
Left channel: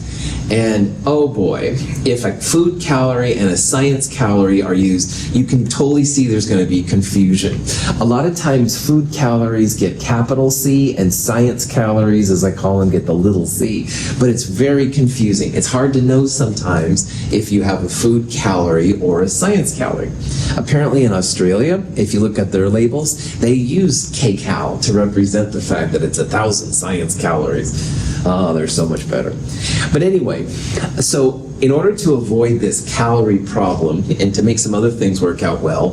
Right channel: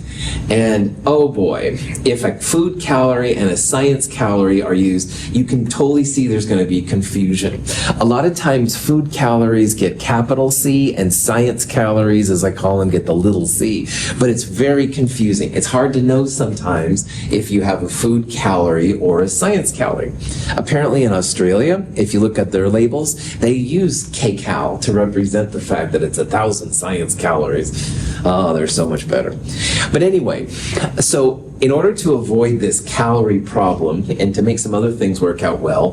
And oh boy, if a food calorie and a science calorie are used, you can totally see there's going to be confusion. A lot of times food calories get capital C and science calories, as I call them, get the little c. But it's very confusing. It's hard to know sometimes if you have a food calorie or a science calorie. Apparently in Australia, if you look at their labels, they use kcal to represent the fact that it's 1,000 science calories. Oh, they're so much better. But anyway, so in order to avoid this calorie problem and to make some other things work out well,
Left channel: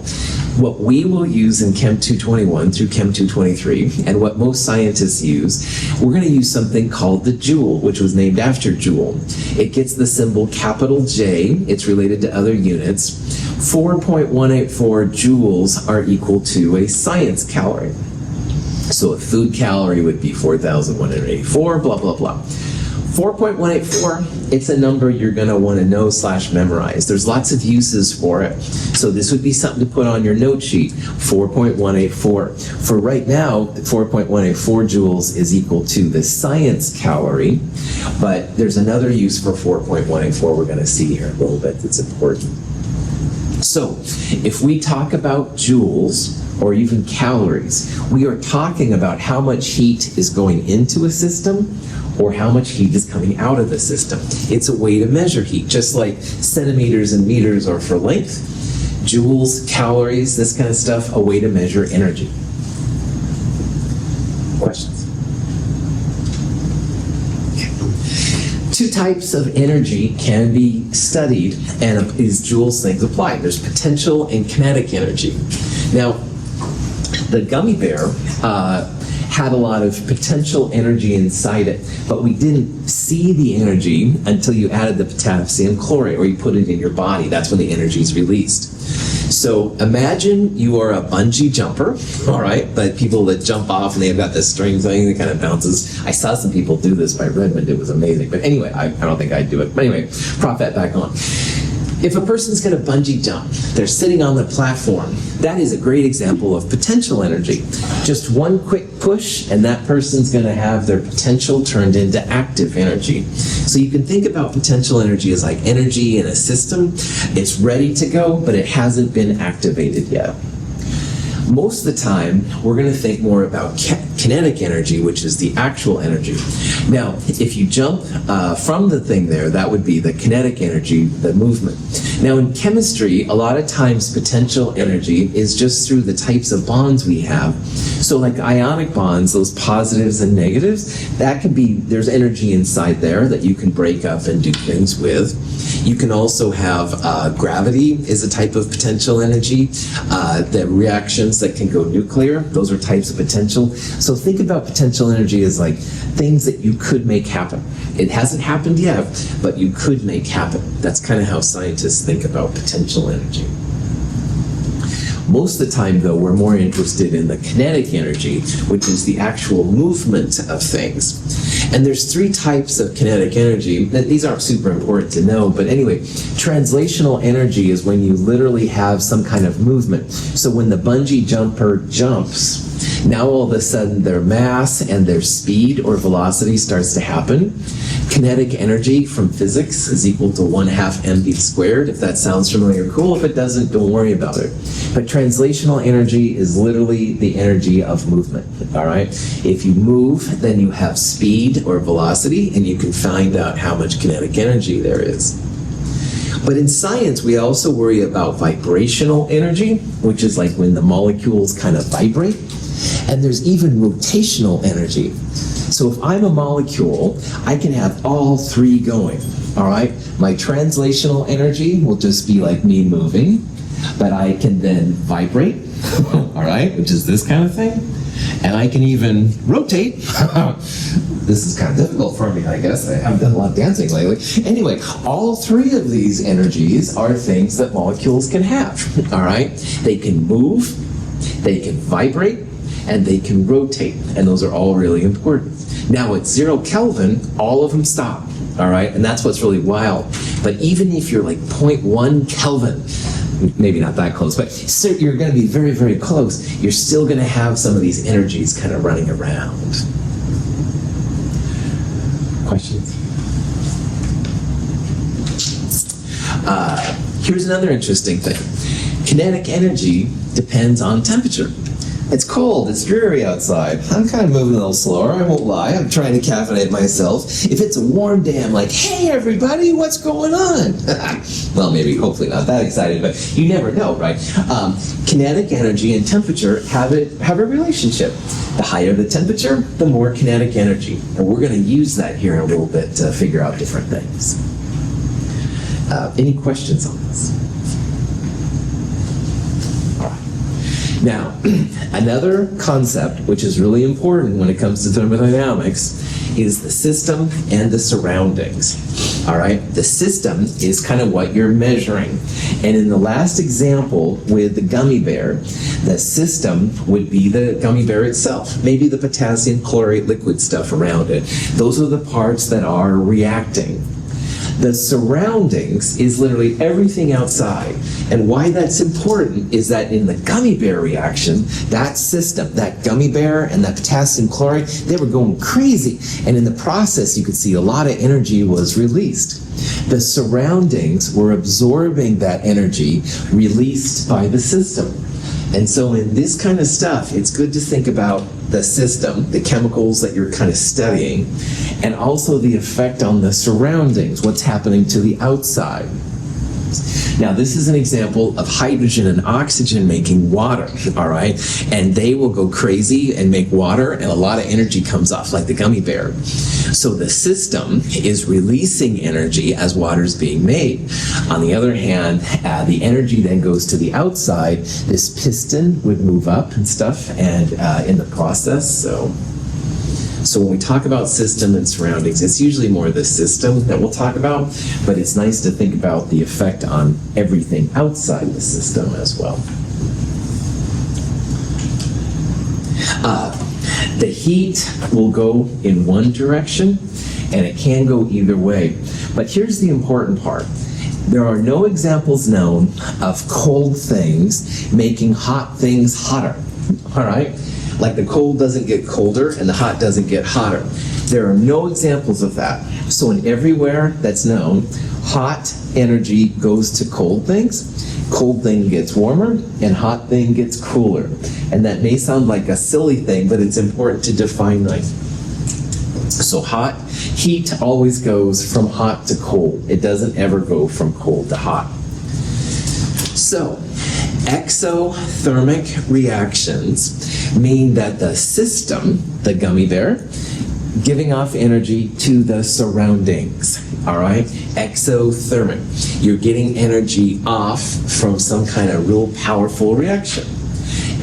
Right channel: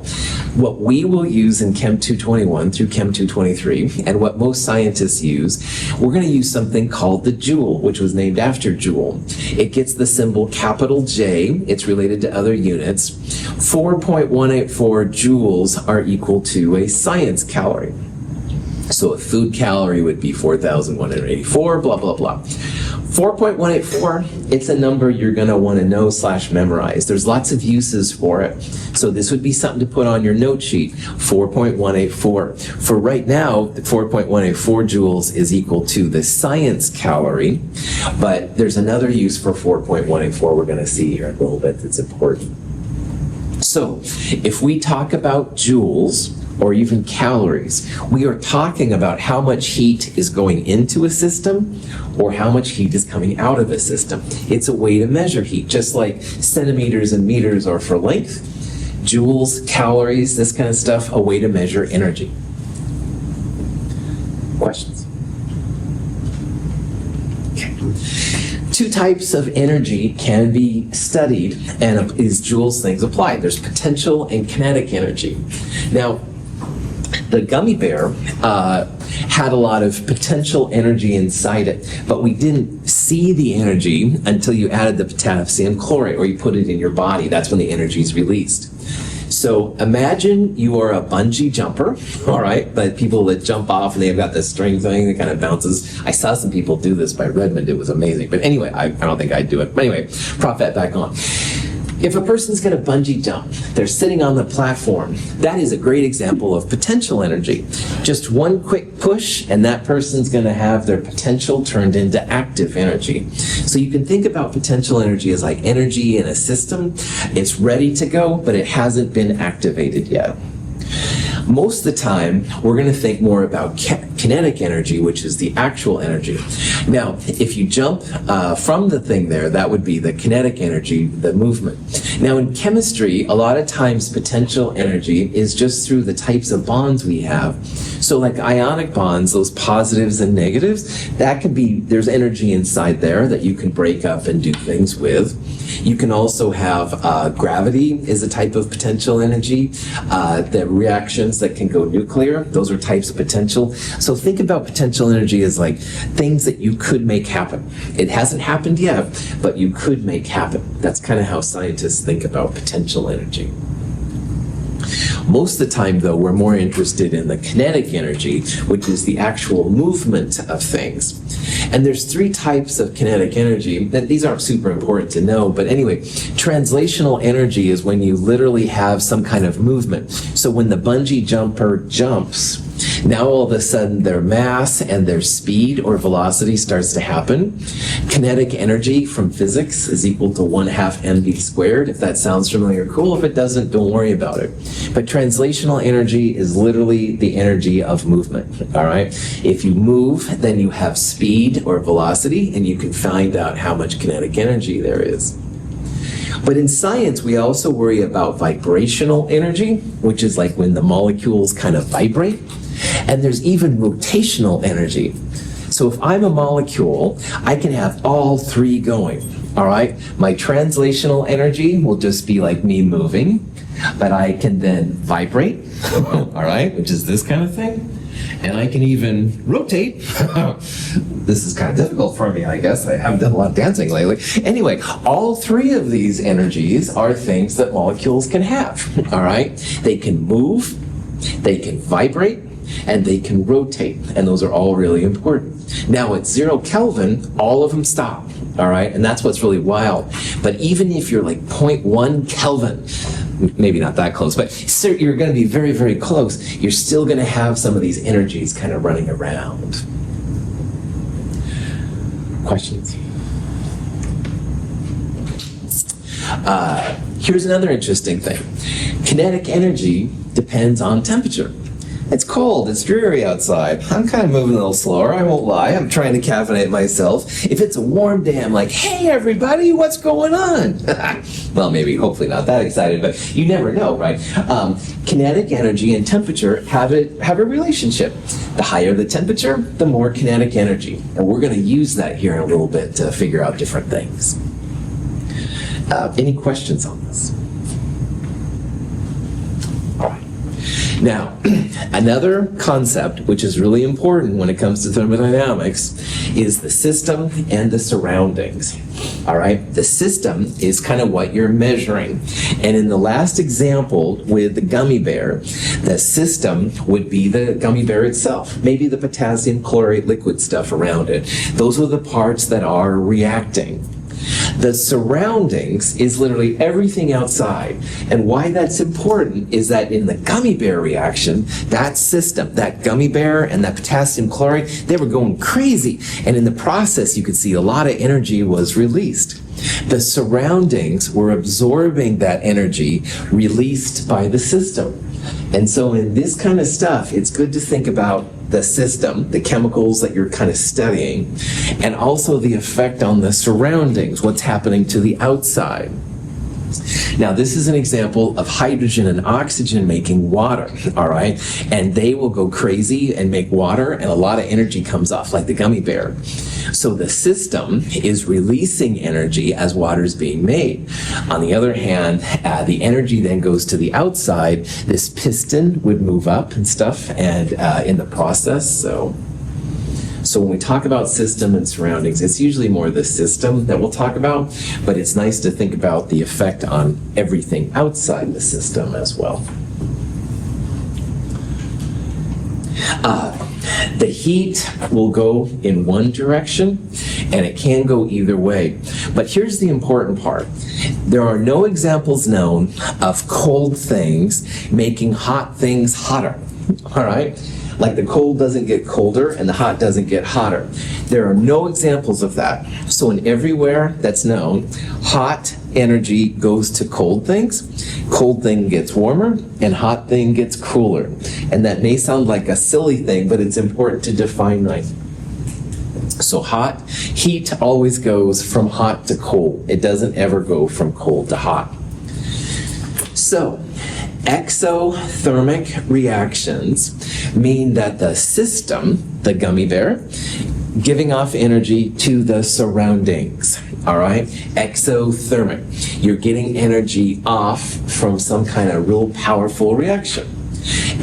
what we will use in Chem 221 through Chem 223, and what most scientists use, we're going to use something called the Joule, which was named after Joule. It gets the symbol capital J. It's related to other units. 4.184 joules are equal to a science calorie. So a food calorie would be 4,184, blah, blah, blah. 4.184, it's a number you're going to want to know / memorize. There's lots of uses for it. So this would be something to put on your note sheet, 4.184. For right now, 4.184 joules is equal to the science calorie, but there's another use for 4.184 we're going to see here in a little bit that's important. So if we talk about joules, or even calories, we are talking about how much heat is going into a system or how much heat is coming out of the system. It's a way to measure heat, just like centimeters and meters are for length. Joules, calories, this kind of stuff, a way to measure energy. Questions? Okay. 2 types of energy can be studied, and is Joule's things applied. There's potential and kinetic energy. Now, the gummy bear had a lot of potential energy inside it, but we didn't see the energy until you added the potassium chlorate, or you put it in your body. That's when the energy is released. So imagine you are a bungee jumper, all right, but people that jump off and they've got this string thing that kind of bounces. I saw some people do this by Redmond. It was amazing. But anyway, I don't think I'd do it. But anyway, prop that back on. If a person's going to bungee jump, they're sitting on the platform. That is a great example of potential energy. Just one quick push, and that person's going to have their potential turned into active energy. So you can think about potential energy as like energy in a system. It's ready to go, but it hasn't been activated yet. Most of the time, we're going to think more about kinetic energy, which is the actual energy. Now, if you jump from the thing there, that would be the kinetic energy, the movement. Now, in chemistry, a lot of times potential energy is just through the types of bonds we have. So like ionic bonds, those positives and negatives, that could be, there's energy inside there that you can break up and do things with. You can also have gravity is a type of potential energy. The reactions that can go nuclear, those are types of potential. So think about potential energy as like things that you could make happen. It hasn't happened yet, but you could make happen. That's kind of how scientists think about potential energy. Most of the time, though, we're more interested in the kinetic energy, which is the actual movement of things. And there's 3 types of kinetic energy. These aren't super important to know, but anyway, translational energy is when you literally have some kind of movement. So when the bungee jumper jumps, now all of a sudden their mass and their speed or velocity starts to happen. Kinetic energy from physics is equal to 1/2 mv squared. If that sounds familiar, cool. If it doesn't, don't worry about it. But translational energy is literally the energy of movement, all right? If you move, then you have speed or velocity, and you can find out how much kinetic energy there is. But in science, we also worry about vibrational energy, which is like when the molecules kind of vibrate. And there's even rotational energy. So if I'm a molecule, I can have all 3 going, all right? My translational energy will just be like me moving, but I can then vibrate, all right, which is this kind of thing. And I can even rotate. This is kind of difficult for me, I guess. I haven't done a lot of dancing lately. Anyway, all 3 of these energies are things that molecules can have, all right? They can move, they can vibrate, and they can rotate, and those are all really important. Now at 0 Kelvin, all of them stop, all right? And that's what's really wild. But even if you're like 0.1 Kelvin, maybe not that close, but you're going to be very, very close, you're still going to have some of these energies kind of running around. Questions? Here's another interesting thing. Kinetic energy depends on temperature. It's cold, it's dreary outside. I'm kind of moving a little slower, I won't lie. I'm trying to caffeinate myself. If it's a warm day, I'm like, hey everybody, what's going on? Well, maybe, hopefully not that excited, but you never know, right? Kinetic energy and temperature have a relationship. The higher the temperature, the more kinetic energy. And we're going to use that here in a little bit to figure out different things. Any questions on this? Now, another concept which is really important when it comes to thermodynamics is the system and the surroundings. All right? The system is kind of what you're measuring. And in the last example with the gummy bear, the system would be the gummy bear itself, maybe the potassium chlorate liquid stuff around it. Those are the parts that are reacting. The surroundings is literally everything outside. And why that's important is that in the gummy bear reaction, that system, that gummy bear and that potassium chlorate, they were going crazy. And in the process, you could see a lot of energy was released. The surroundings were absorbing that energy released by the system. And so in this kind of stuff, it's good to think about the system, the chemicals that you're kind of studying, and also the effect on the surroundings, what's happening to the outside. Now, this is an example of hydrogen and oxygen making water, all right? And they will go crazy and make water, and a lot of energy comes off, like the gummy bear. So the system is releasing energy as water is being made. On the other hand, the energy then goes to the outside. This piston would move up and stuff, and in the process, So when we talk about system and surroundings, it's usually more the system that we'll talk about, but it's nice to think about the effect on everything outside the system as well. The heat will go in one direction, and it can go either way. But here's the important part. There are no examples known of cold things making hot things hotter, all right? Like the cold doesn't get colder and the hot doesn't get hotter. There are no examples of that. So in everywhere that's known, hot energy goes to cold things, cold thing gets warmer, and hot thing gets cooler. And that may sound like a silly thing, but it's important to define that. So heat always goes from hot to cold. It doesn't ever go from cold to hot. So, exothermic reactions mean that the system, the gummy bear, giving off energy to the surroundings, all right? Exothermic. You're getting energy off from some kind of real powerful reaction.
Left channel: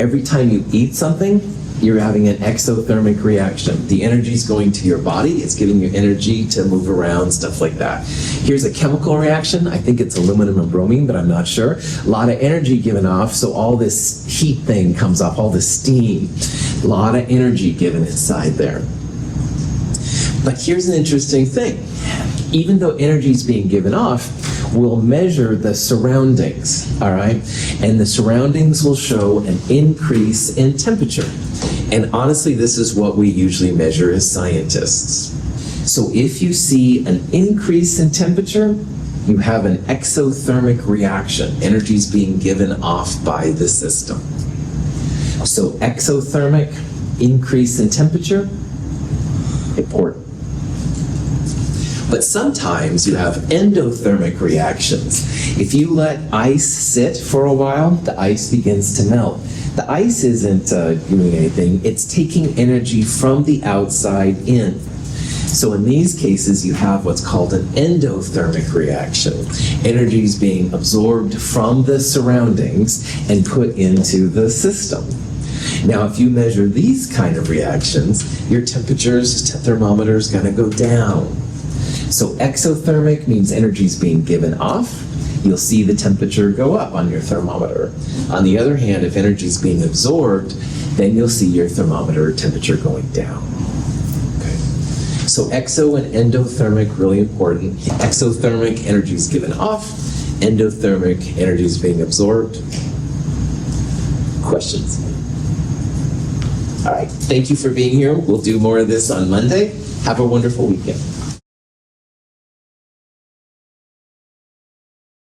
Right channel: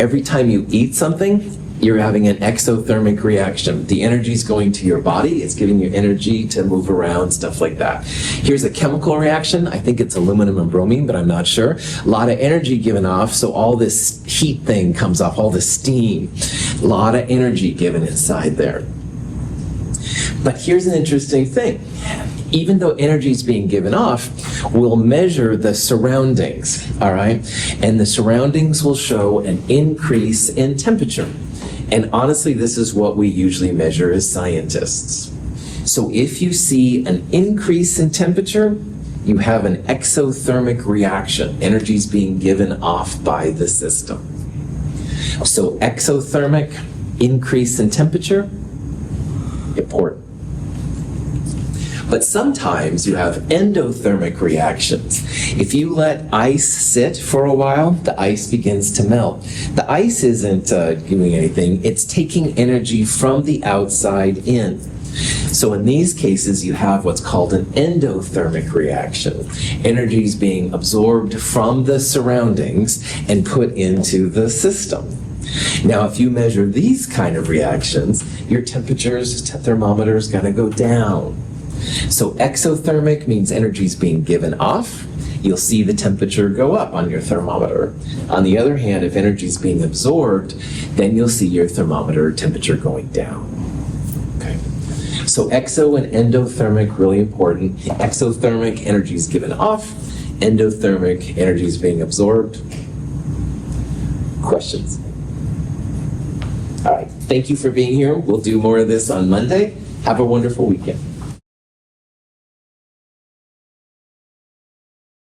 Every time you eat something, You're having an exothermic reaction. The energy is going to your body. It's giving you energy to move around, stuff like that. Here's a chemical reaction. I think it's aluminum and bromine, but I'm not sure. A lot of energy given off, so all this heat thing comes off, all this steam. A lot of energy given inside there. But here's an interesting thing. Even though energy is being given off, we'll measure the surroundings, all right? And the surroundings will show an increase in temperature. And honestly, this is what we usually measure as scientists. So if you see an increase in temperature, you have an exothermic reaction. Energy is being given off by the system. So exothermic, increase in temperature, important. But sometimes you have endothermic reactions. If you let ice sit for a while, the ice begins to melt. The ice isn't doing anything. It's taking energy from the outside in. So in these cases, you have what's called an endothermic reaction. Energy is being absorbed from the surroundings and put into the system. Now, if you measure these kind of reactions, your temperature's thermometer is going to go down. So exothermic means energy is being given off. You'll see the temperature go up on your thermometer. On the other hand, if energy is being absorbed, then you'll see your thermometer temperature going down. Okay. So exo and endothermic, really important. Exothermic, energy is given off. Endothermic, energy is being absorbed. Questions? All right. Thank you for being here. We'll do more of this on Monday. Have a wonderful weekend.